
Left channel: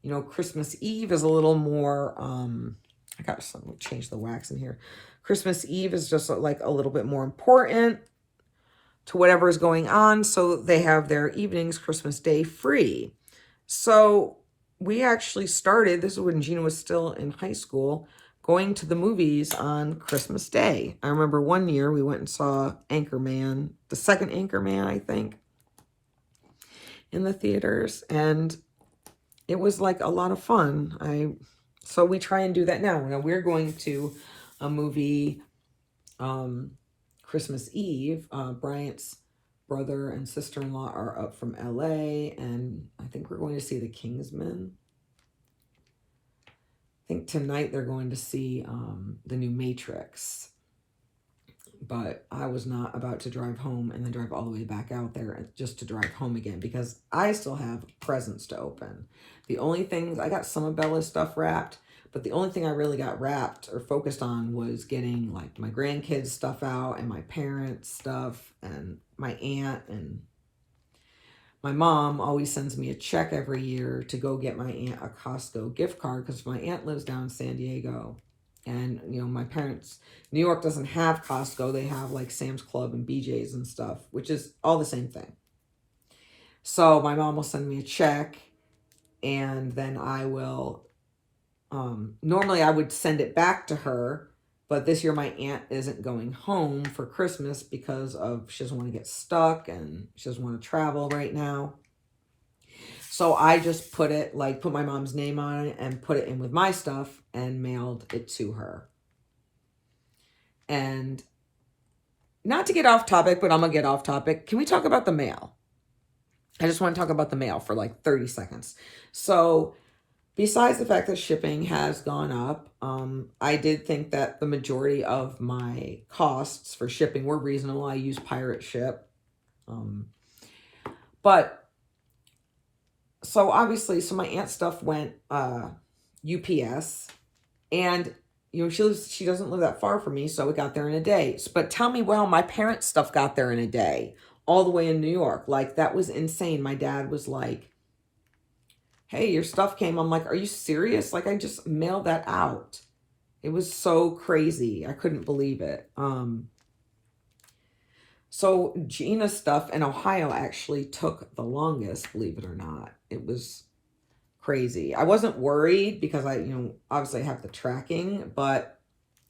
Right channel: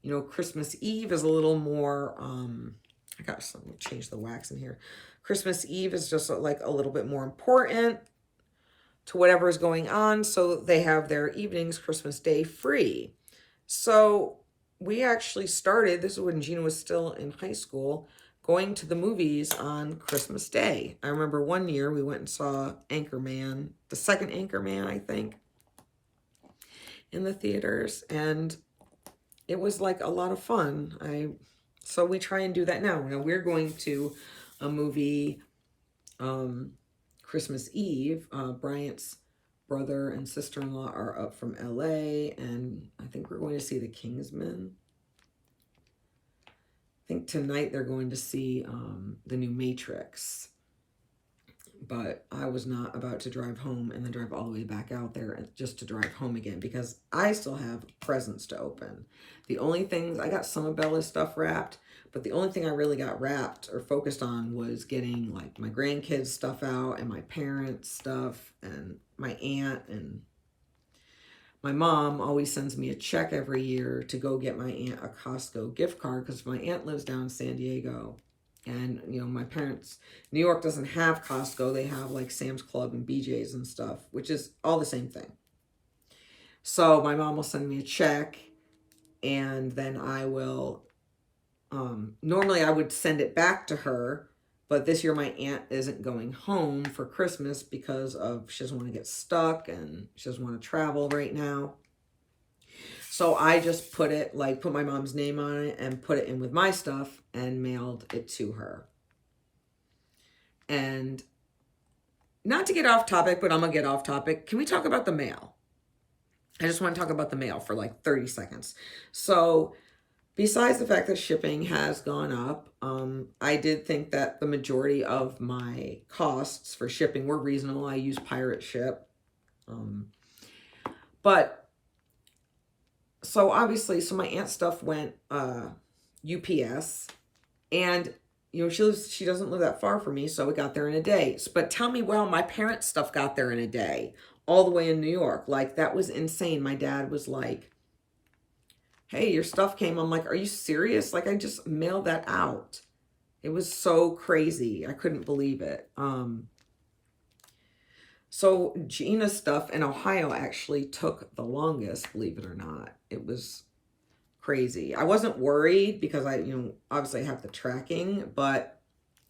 you know, Christmas Eve is a little more, I got to change the wax in here. Christmas Eve is just like a little bit more important to whatever is going on. So they have their evenings Christmas Day free. So we actually started, this is when Gina was still in high school, going to the movies on Christmas Day. I remember one year we went and saw Anchorman, the second Anchorman, I think, in the theaters. And it was like a lot of fun. So we try and do that now. Now we're going to a movie Christmas Eve. Bryant's brother and sister-in-law are up from LA, and I think we're going to see The Kingsman. I think tonight they're going to see the new Matrix. But I was not about to drive home and then drive all the way back out there just to drive home again, because I still have presents to open. The only things, I got some of Bella's stuff wrapped, but the only thing I really got wrapped or focused on was getting like my grandkids' stuff out and my parents' stuff and my aunt. And my mom always sends me a check every year to go get my aunt a Costco gift card, because my aunt lives down in San Diego. And, you know, my parents, New York doesn't have Costco. They have like Sam's Club and BJ's and stuff, which is all the same thing. So my mom will send me a check, and then I will, normally I would send it back to her. But this year my aunt isn't going home for Christmas because she doesn't want to get stuck and she doesn't want to travel right now. So I just put my mom's name on it and put it in with my stuff and mailed it to her. And not to get off topic, but I'm going to get off topic. Can we talk about the mail? I just want to talk about the mail for like 30 seconds. So besides the fact that shipping has gone up, I did think that the majority of my costs for shipping were reasonable. I use Pirate Ship. So obviously, my aunt's stuff went UPS, and you know, she doesn't live that far from me, so it got there in a day. But tell me, well, my parents' stuff got there in a day, all the way in New York. Like, that was insane. My dad was like, hey, your stuff came. I'm like, are you serious? Like, I just mailed that out. It was so crazy. I couldn't believe it. So Gina's stuff in Ohio actually took the longest, believe it or not. It was crazy. I wasn't worried because obviously I have the tracking, but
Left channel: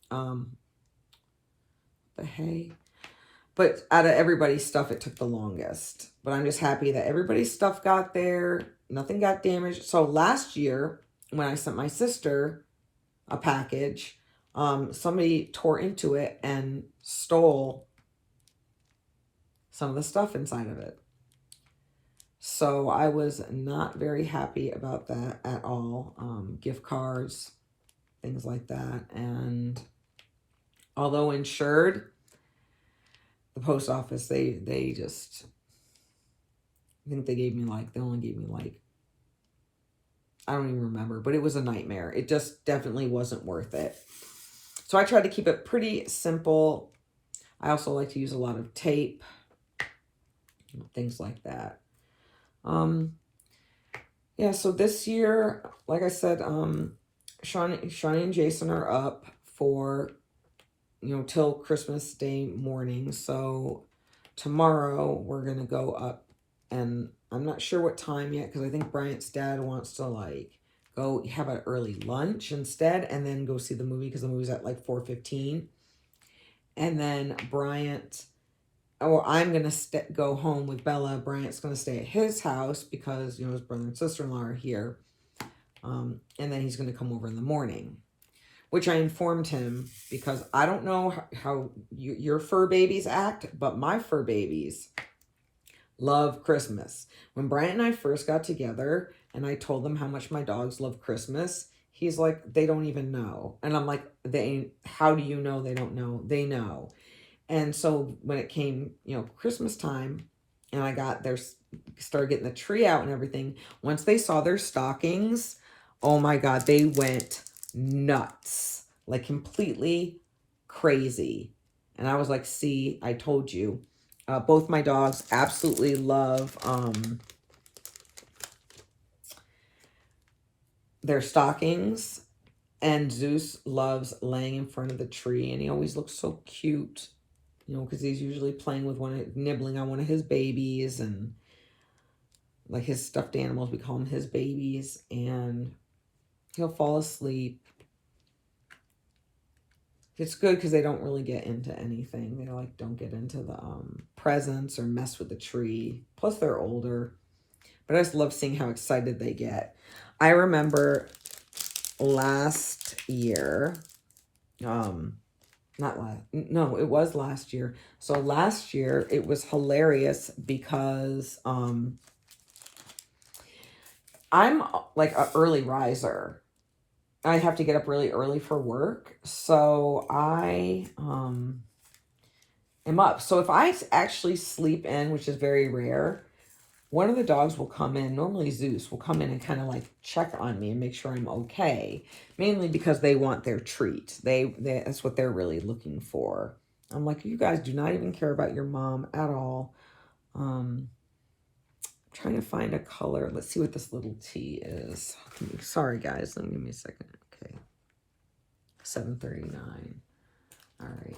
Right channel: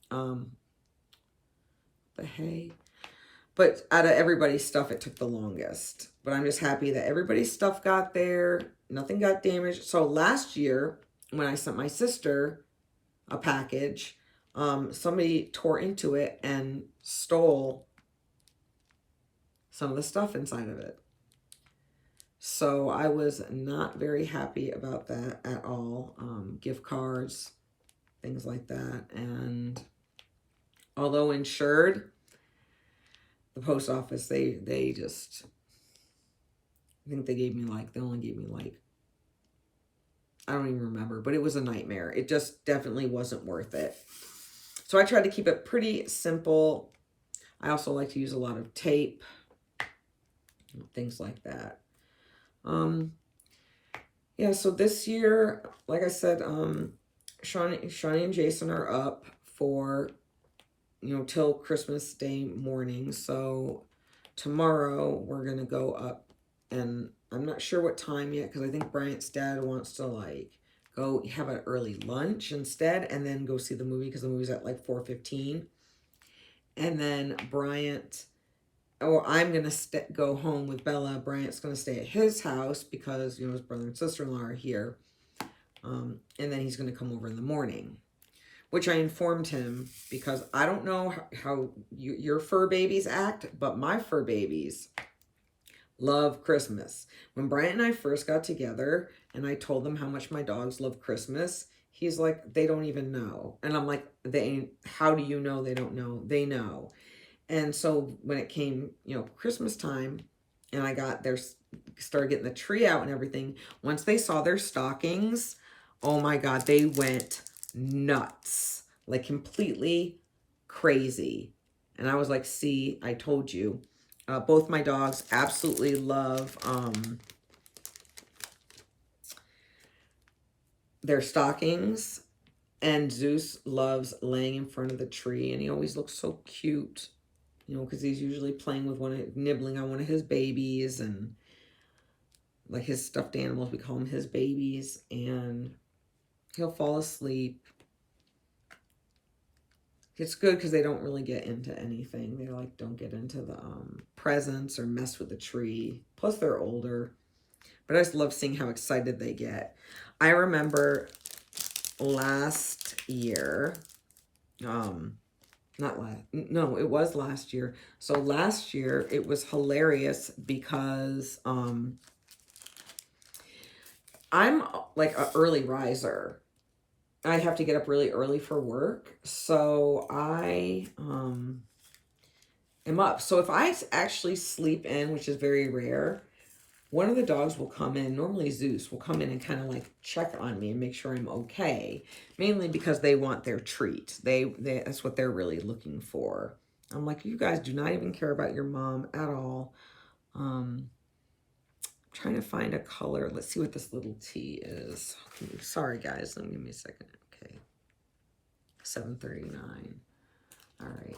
but out of everybody's stuff, it took the longest. But I'm just happy that everybody's stuff got there. Nothing got damaged. So last year, when I sent my sister a package, somebody tore into it and stole some of the stuff inside of it. So I was not very happy about that at all. Gift cards, things like that. And although insured, the post office, they just, I think they only gave me like, I don't even remember, but it was a nightmare. It just definitely wasn't worth it. So I tried to keep it pretty simple. I also like to use a lot of tape, things like that. Yeah, so this year, like I said, Shawnee and Jason are up for, till Christmas Day morning. So tomorrow we're going to go up, and I'm not sure what time yet, because I think Bryant's dad wants to go have an early lunch instead and then go see the movie, because the movie's at 4:15. And then I'm going to go home with Bella. Bryant's going to stay at his house because, his brother and sister-in-law are here. And then he's going to come over in the morning, which I informed him, because I don't know how your fur babies act, but my fur babies love Christmas. When Bryant and I first got together and I told them how much my dogs love Christmas, he's like, they don't even know. And I'm like, how do you know they don't know? They know. And so when it came, Christmas time, and started getting the tree out and everything, once they saw their stockings, oh my God, they went nuts, like completely crazy. And I was like, see, I told you. Both my dogs absolutely love their stockings. And Zeus loves laying in front of the tree. And he always looks so cute, you know, because he's usually playing with nibbling on one of his babies. And like his stuffed animals, we call them his babies. And he'll fall asleep. It's good because they don't really get into anything. They like don't get into the presents or mess with the tree. Plus they're older. But I just love seeing how excited they get. I remember last year, it was last year. So last year it was hilarious because I'm like an early riser. I have to get up really early for work. So I am up. So if I actually sleep in, which is very rare, one of the dogs will come in, normally Zeus, will come in and kind of like check on me and make sure I'm okay. Mainly because they want their treat. That's what they're really looking for. I'm like, you guys do not even care about your mom at all. Trying to find a color. Let's see what this little T is. Sorry, guys. Let me give me a second. Okay. 7:39. All right.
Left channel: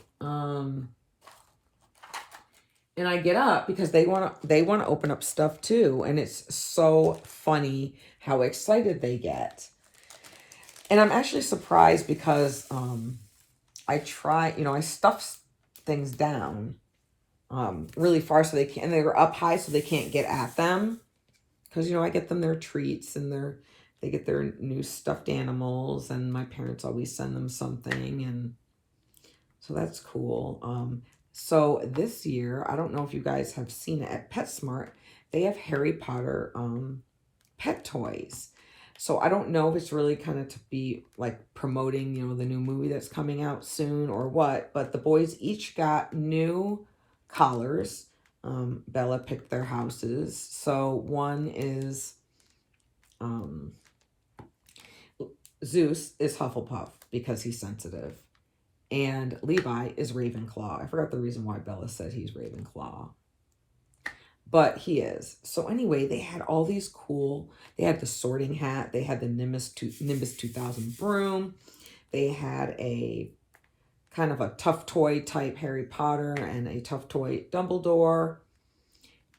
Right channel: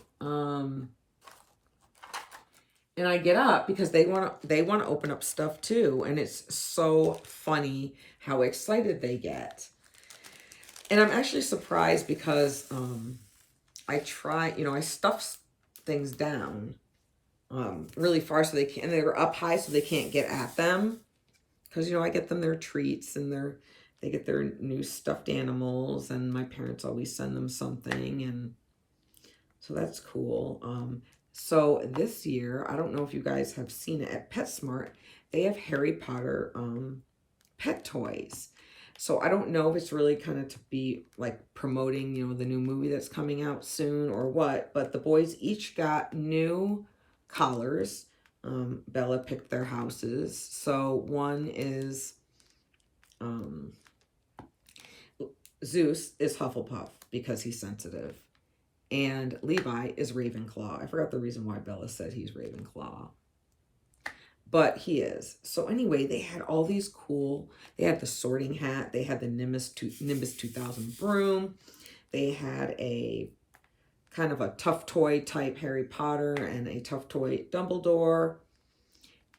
And I get up because they want to open up stuff too. And it's so funny how excited they get. And I'm actually surprised because I stuff things down really far so they can't, and they're up high so they can't get at them. Because, I get them their treats and they get their new stuffed animals, and my parents always send them something, and so that's cool. So this year, I don't know if you guys have seen it at PetSmart, they have Harry Potter pet toys. So I don't know if it's really kind of to be like promoting, the new movie that's coming out soon or what, but the boys each got new collars. Bella picked their houses. So one is Zeus is Hufflepuff because he's sensitive. And Levi is Ravenclaw. I forgot the reason why Bella said he's Ravenclaw. But he is. So anyway, they had all these cool, they had the sorting hat. They had the Nimbus 2000 broom. They had a kind of a tough toy type Harry Potter and a tough toy Dumbledore.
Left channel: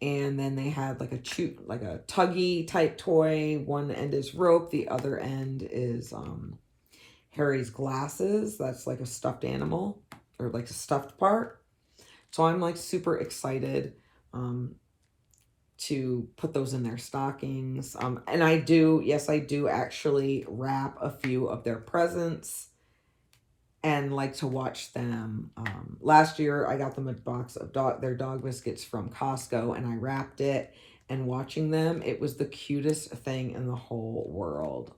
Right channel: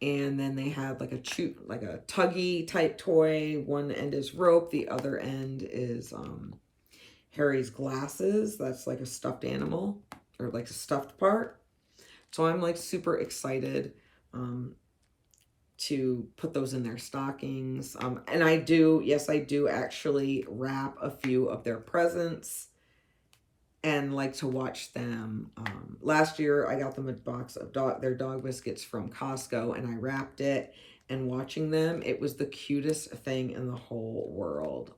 And then they had like a tuggy type toy. One end is rope. The other end is Harry's glasses. That's like a stuffed animal or like a stuffed part. So I'm like super excited to put those in their stockings. And I do actually wrap a few of their presents and like to watch them. Last year I got them a box of their dog biscuits from Costco, and I wrapped it, and watching them, it was the cutest thing in the whole world.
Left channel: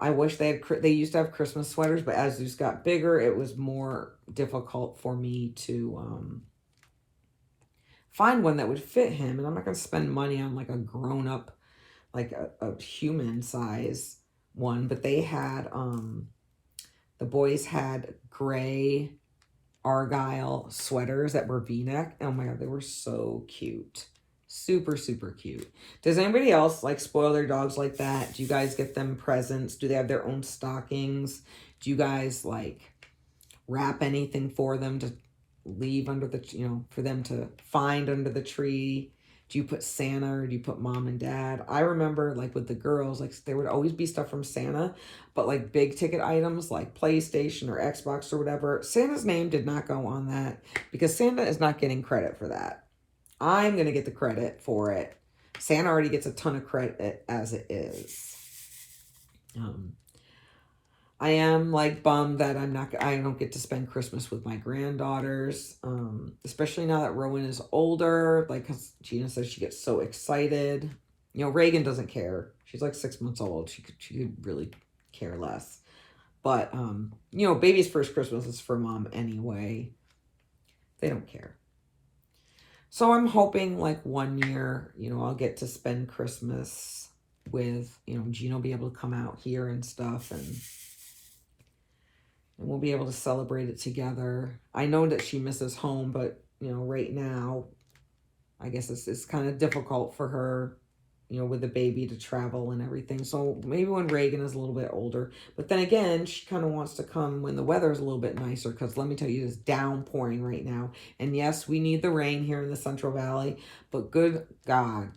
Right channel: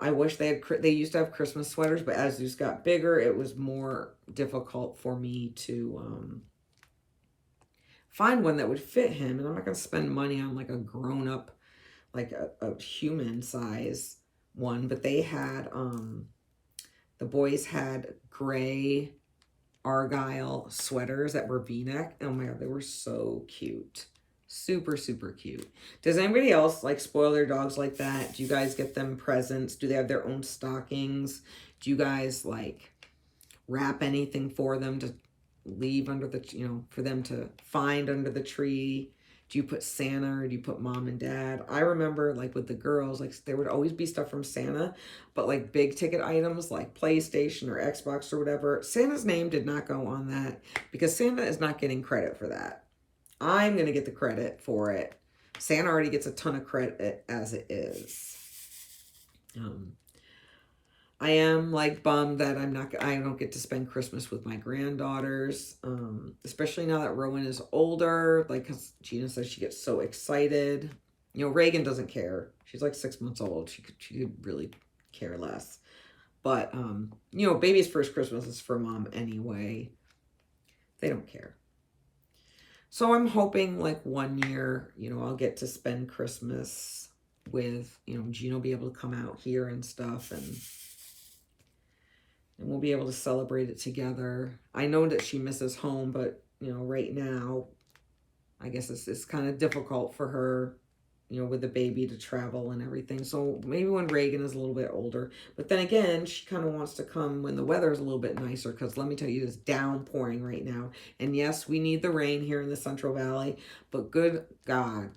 I wish they used to have Christmas sweaters, but as Zeus got bigger, it was more difficult for me to find one that would fit him. And I'm not going to spend money on like a grown-up, like a human size one. But they had, the boys had gray Argyle sweaters that were V-neck. Oh my God, they were so cute. Super, super cute. Does anybody else like spoil their dogs like that? Do you guys get them presents? Do they have their own stockings? Do you guys like wrap anything for them to leave under the, for them to find under the tree? Do you put Santa or do you put mom and dad? I remember like with the girls, like there would always be stuff from Santa, but like big ticket items like PlayStation or Xbox or whatever, Santa's name did not go on that because Santa is not getting credit for that. I'm going to get the credit for it. Santa already gets a ton of credit as it is. I am like bummed that I don't get to spend Christmas with my granddaughters, especially now that Rowan is older. Like, cause Gina says she gets so excited. Reagan doesn't care. She's like 6 months old. She could really care less. But baby's first Christmas is for mom anyway. They don't care. So I'm hoping like one year, I'll get to spend Christmas with, Gina will be able to come out here and stuff, and and we'll be able to celebrate it together. I know that she misses home, but, you know, right now, I guess it's kind of difficult for her, you know, with the baby to travel and everything. So maybe when Reagan is a little bit older. But then again, she kind of wants to come when the weather's a little bit nicer, because let me tell you, it's downpouring right now. And yes, we need the rain here in the Central Valley, but good God.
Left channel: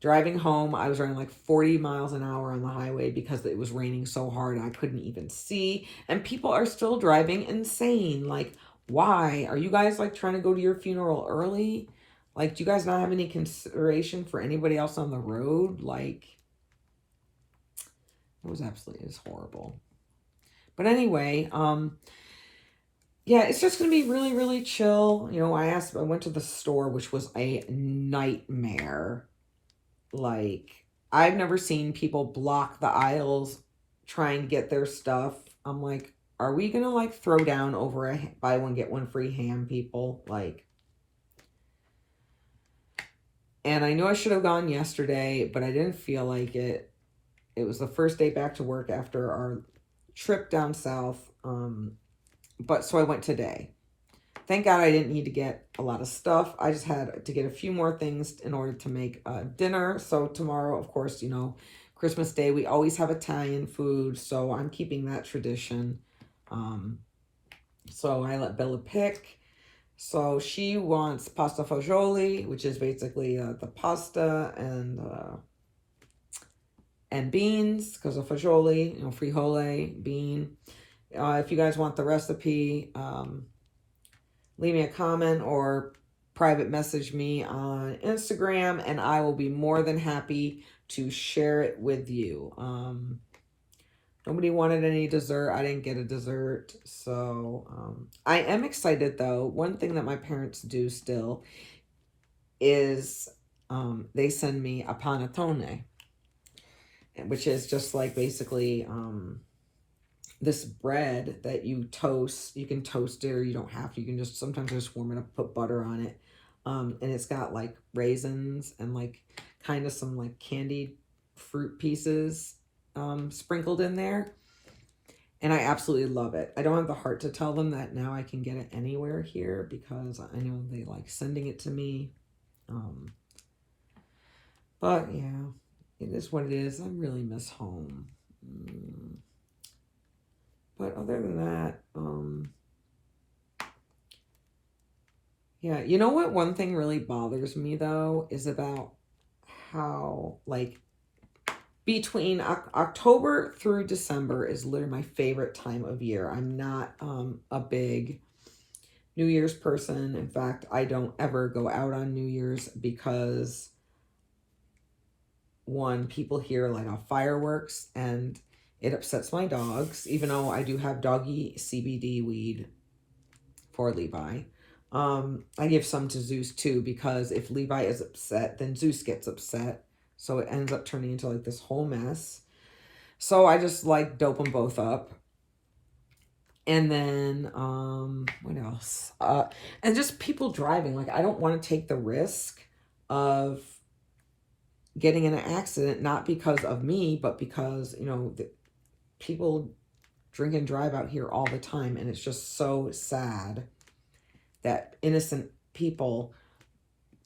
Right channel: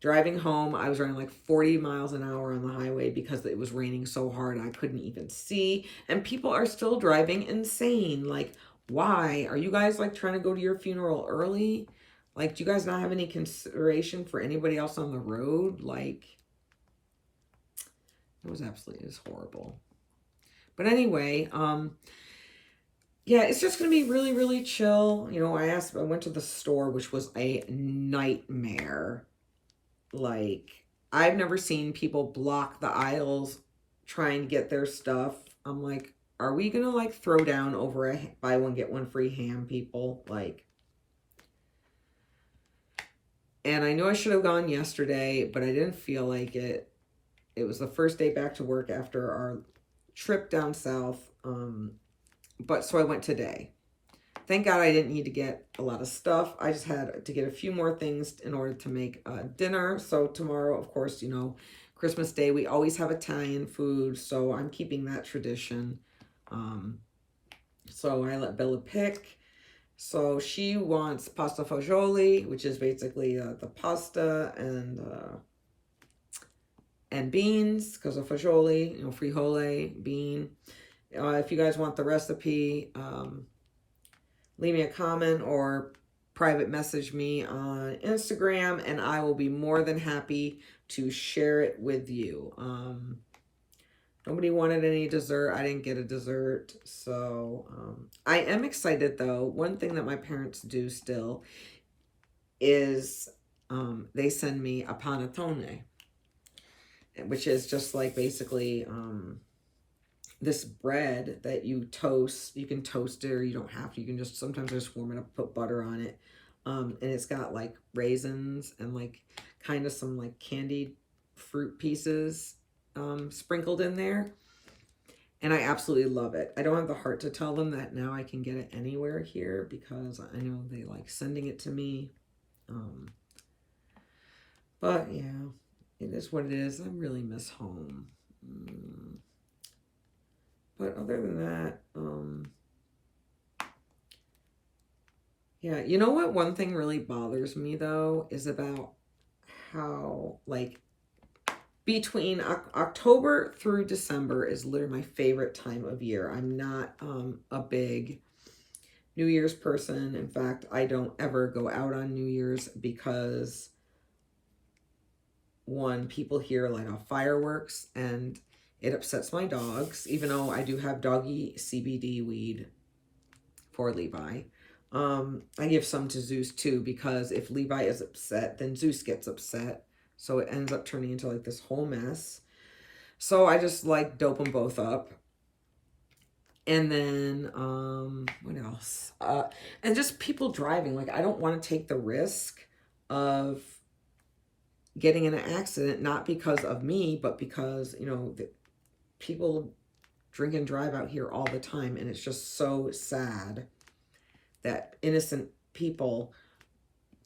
Driving home, I was running like 40 miles an hour on the highway because it was raining so hard I couldn't even see. And people are still driving insane. Like, why? Are you guys like trying to go to your funeral early? Like, do you guys not have any consideration for anybody else on the road? Like, it was absolutely horrible. But anyway, yeah, it's just going to be really, really chill. You know, I went to the store, which was a nightmare. Like, I've never seen people block the aisles trying to get their stuff. I'm like, are we going to like throw down over a buy one, get one free ham, people? Like, and I knew I should have gone yesterday, but I didn't feel like it. It was the first day back to work after our trip down south. But so I went today. Thank God I didn't need to get a lot of stuff. I just had to get a few more things in order to make dinner. So tomorrow, of course, you know, Christmas Day, we always have Italian food. So I'm keeping that tradition. So I let Bella pick. So she wants pasta fagioli, which is basically the pasta and beans, because of fagioli, you know, frijole, bean. If you guys want the recipe, leave me a comment or private message me on Instagram, and I will be more than happy to share it with you. Nobody wanted any dessert. I didn't get a dessert. So I am excited, though. One thing that my parents do still is they send me a panettone, which is just like basically this bread that you toast. You can toast it or you don't have to. You can just, sometimes just warm it up, put butter on it. And it's got like raisins and like kind of some like candied fruit pieces sprinkled in there. And I absolutely love it. I don't have the heart to tell them that now I can get it anywhere here because I know they like sending it to me. But yeah, it is what it is. I really miss home. But other than that, yeah, you know what? One thing really bothers me though is about how like between October through December is literally my favorite time of year. I'm not a big New Year's person. In fact, I don't ever go out on New Year's because one, people here light off fireworks and it upsets my dogs, even though I do have doggy CBD weed for Levi. I give some to Zeus too, because if Levi is upset, then Zeus gets upset. So it ends up turning into like this whole mess. So I just like dope them both up. And then, what else? And just people driving. Like, I don't want to take the risk of getting in an accident, not because of me, but because, you know, people drink and drive out here all the time. And it's just so sad that innocent people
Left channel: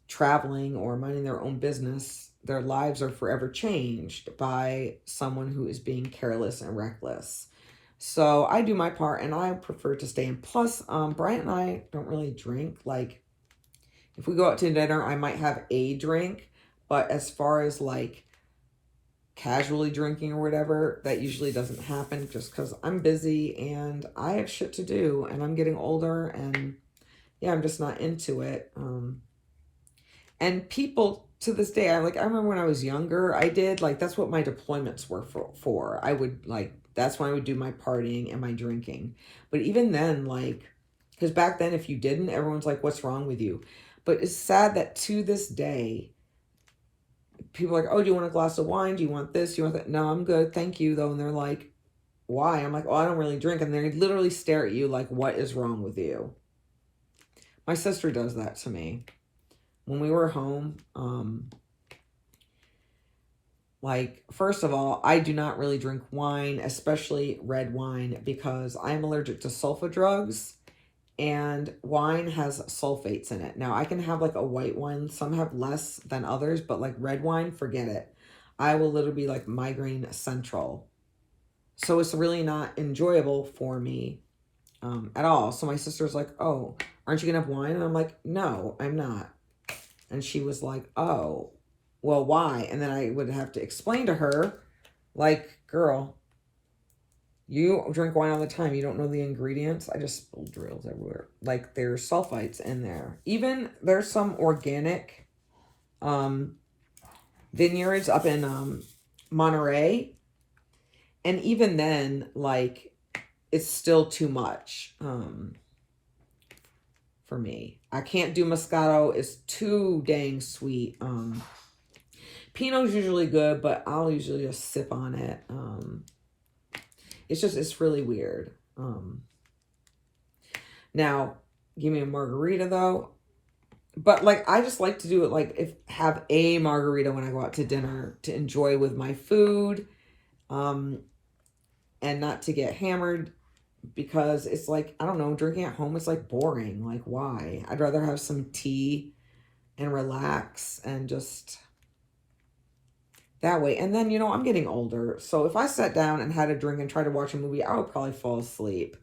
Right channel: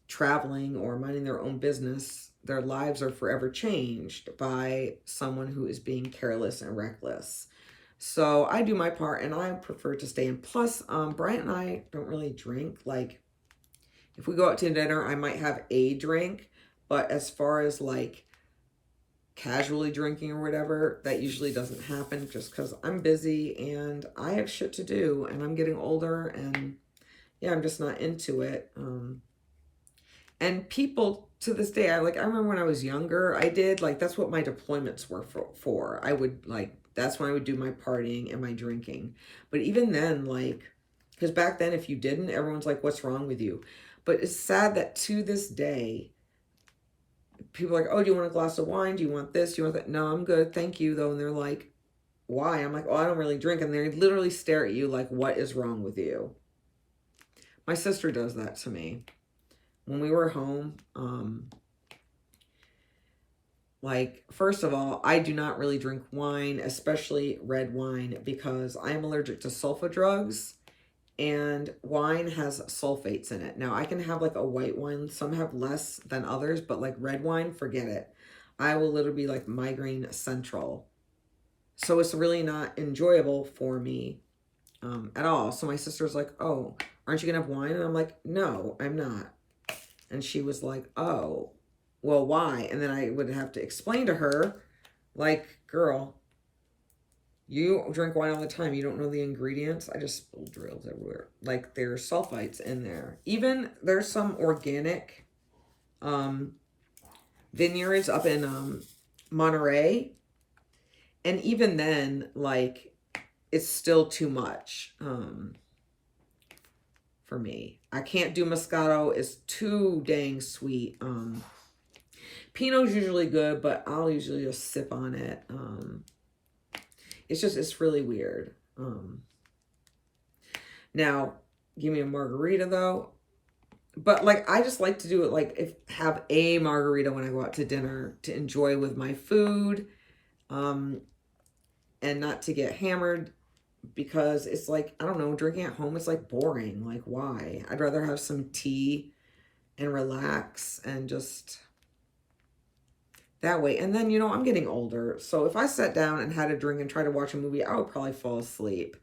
traveling or minding their own business, their lives are forever changed by someone who is being careless and reckless. So I do my part and I prefer to stay in. Plus, Brian and I don't really drink. Like, if we go out to dinner, I might have a drink. But as far as like casually drinking or whatever, that usually doesn't happen just because I'm busy and I have shit to do and I'm getting older and yeah, I'm just not into it. And people to this day, I remember when I was younger, I did like, that's what my deployments were for. I would like, that's when I would do my partying and my drinking. But even then, like, because back then, if you didn't, everyone's like, what's wrong with you? But it's sad that to this day, people are like, oh, do you want a glass of wine? Do you want this? Do you want that? No, I'm good. Thank you, though. And they're like, why? I'm like, oh, I don't really drink. And they literally stare at you like, what is wrong with you? My sister does that to me. When we were home, Like, first of all, I do not really drink wine, especially red wine, because I'm allergic to sulfa drugs, and wine has sulfates in it. Now, I can have like a white wine. Some have less than others, but like red wine, forget it. I will literally be like migraine central. So it's really not enjoyable for me at all. So my sister's like, oh, aren't you going to have wine? And I'm like, no, I'm not. And she was like, oh, well, why? And then I would have to explain to her, like, girl, you drink wine all the time. You don't know the ingredients. I just spilled drills everywhere. Like, there's sulfites in there. Even there's some organic vineyards up in Monterey. And even then, like, it's still too much for me. I can't do Moscato. It's too dang sweet. Pinot's usually good, but I'll usually just sip on it. It's really weird. Now, give me a margarita though. But like, I just like to do it like have a margarita when I go out to dinner to enjoy with my food. And not to get hammered, because it's like, I don't know, drinking at home is like boring. Like, why? I'd rather have some tea and relax and just that way. And then, you know, I'm getting older. So if I sat down and had a drink and tried to watch a movie, I would probably fall asleep.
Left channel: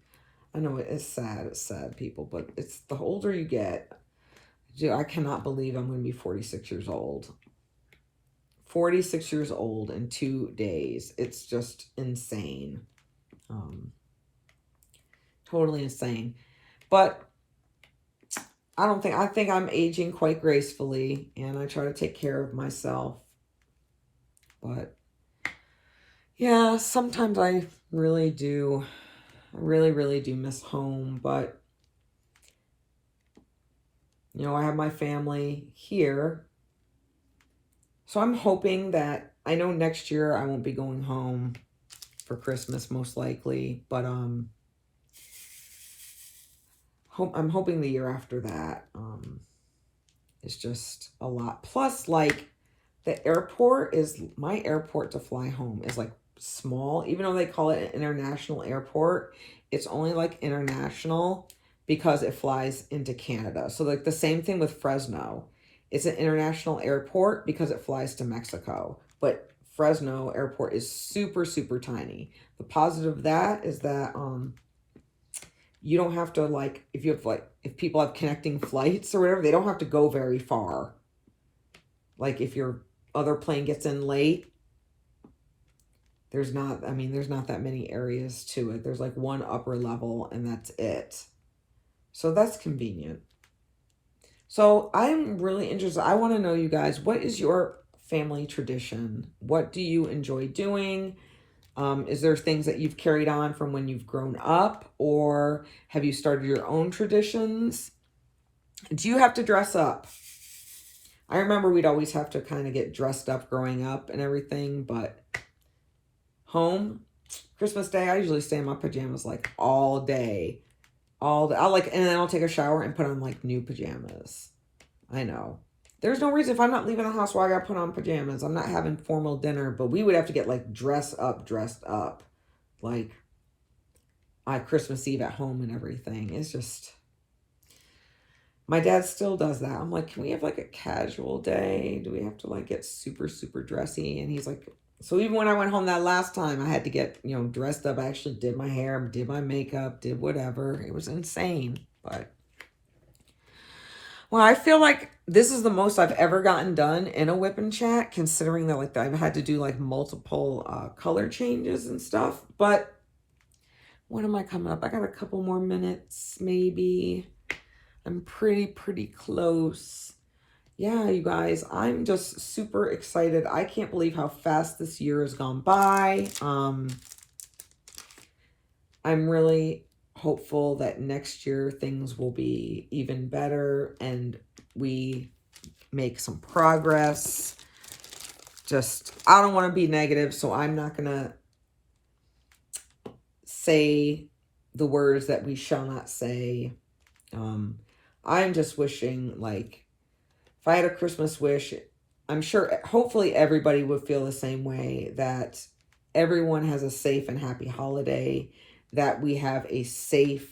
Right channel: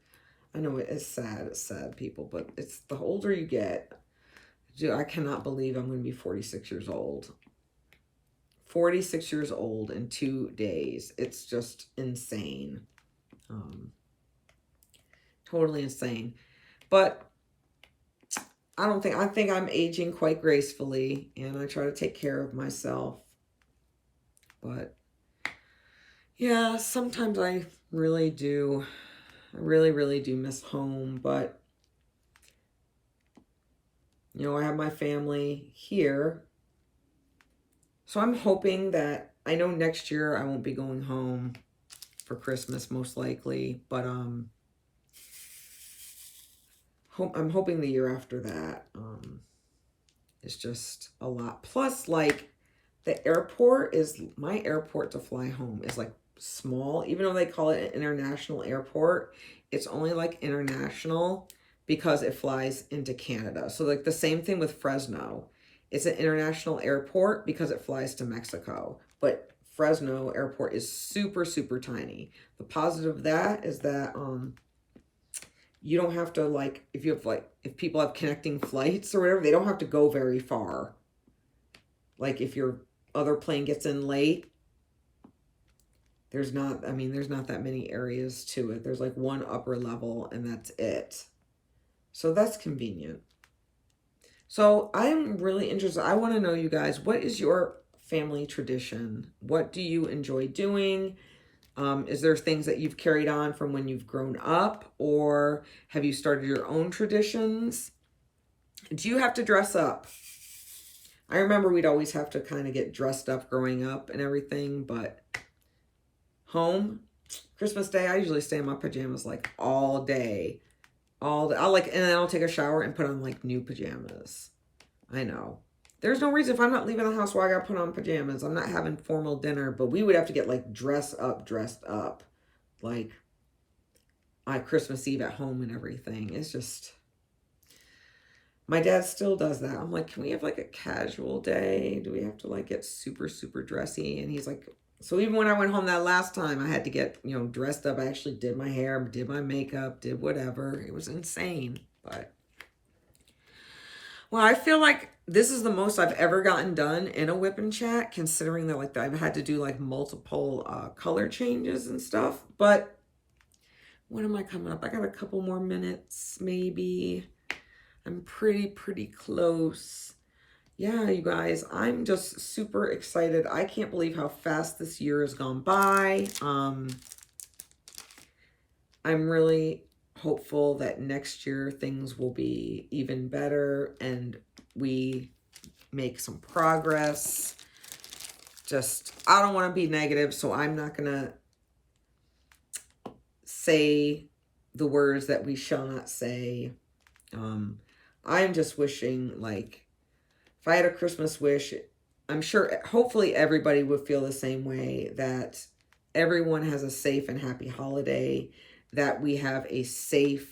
I know it's sad, people, but it's the older you get. I cannot believe I'm going to be 46 years old. 46 years old in 2 days. It's just insane. Totally insane. But I think I'm aging quite gracefully, and I try to take care of myself. But yeah, sometimes I really do. I really do miss home, but you know, I have my family here. So I'm hoping that, I know next year I won't be going home for Christmas most likely, but I'm hoping the year after that is just a lot. Plus, like, the airport is, my airport to fly home is like small, even though they call it an international airport. It's only like international because it flies into Canada. So like the same thing with Fresno. It's an international airport because it flies to Mexico. But Fresno airport is super, super tiny. The positive of that is that you don't have to, like, if people have connecting flights or whatever, they don't have to go very far. Like, if your other plane gets in late, there's not that many areas to it. There's like one upper level and that's it. So that's convenient. So I'm really interested. I want to know, you guys, what is your family tradition? What do you enjoy doing? Is there things that you've carried on from when you've grown up, or have you started your own traditions? Do you have to dress up? I remember we'd always have to kind of get dressed up growing up and everything, but home, Christmas Day, I usually stay in my pajamas like all day. And then I'll take a shower and put on like new pajamas. I know. There's no reason, if I'm not leaving the house, why I gotta put on pajamas. I'm not having formal dinner, but we would have to get like dressed up. Like on Christmas Eve at home and everything. It's just, my dad still does that. I'm like, can we have like a casual day? Do we have to like get super, super dressy? And he's like, so even when I went home that last time, I had to get, you know, dressed up. I actually did my hair, did my makeup, did whatever. It was insane, but well, I feel like this is the most I've ever gotten done in a whip and chat, considering that like I've had to do like multiple color changes and stuff. But what am I coming up? I got a couple more minutes, maybe. I'm pretty close. Yeah, you guys, I'm just super excited. I can't believe how fast this year has gone by. I'm really hopeful that next year things will be even better and we make some progress. Just, I don't want to be negative, so I'm not going to say the words that we shall not say. I am just wishing, like, if I had a Christmas wish, I'm sure, hopefully everybody would feel the same way, that everyone has a safe and happy holiday, that we have a safe,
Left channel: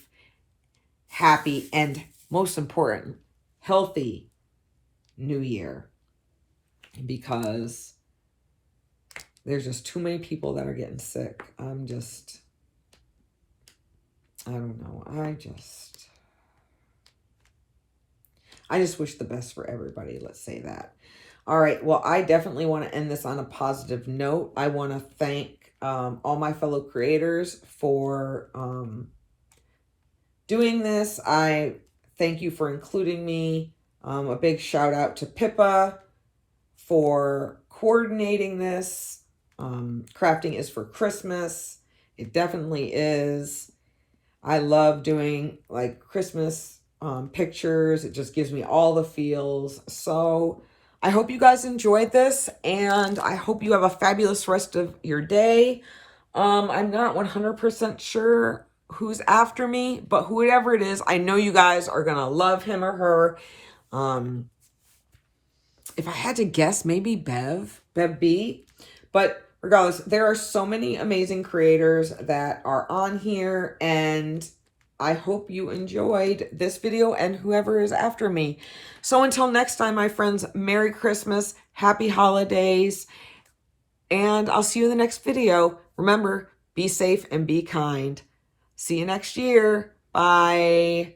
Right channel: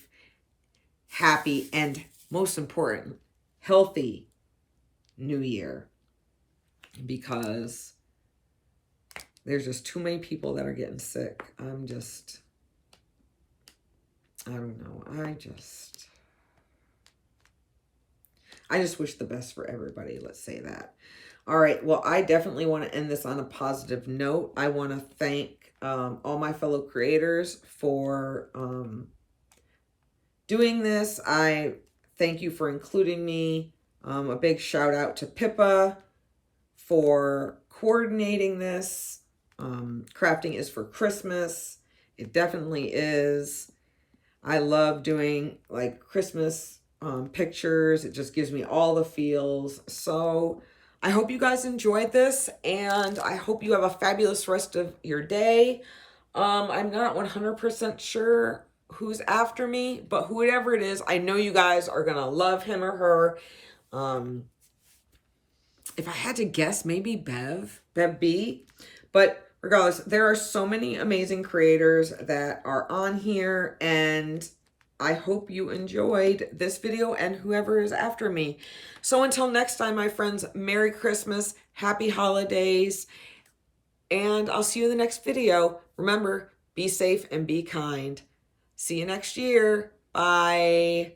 happy, and most important, healthy new year, because there's just too many people that are getting sick. I don't know. I just wish the best for everybody. Let's say that. All right. Well, I definitely want to end this on a positive note. I want to thank all my fellow creators for doing this. I thank you for including me. A big shout out to Pippa for coordinating this. Crafting is for Christmas. It definitely is. I love doing like Christmas pictures. It just gives me all the feels. So I hope you guys enjoyed this, and I hope you have a fabulous rest of your day. I'm not 100% sure who's after me, but whoever it is, I know you guys are gonna love him or her. If I had to guess, maybe Bev B. But regardless, there are so many amazing creators that are on here, and I hope you enjoyed this video and whoever is after me. So until next time, my friends, Merry Christmas, Happy Holidays, and I'll see you in the next video. Remember, be safe and be kind. See you next year. Bye.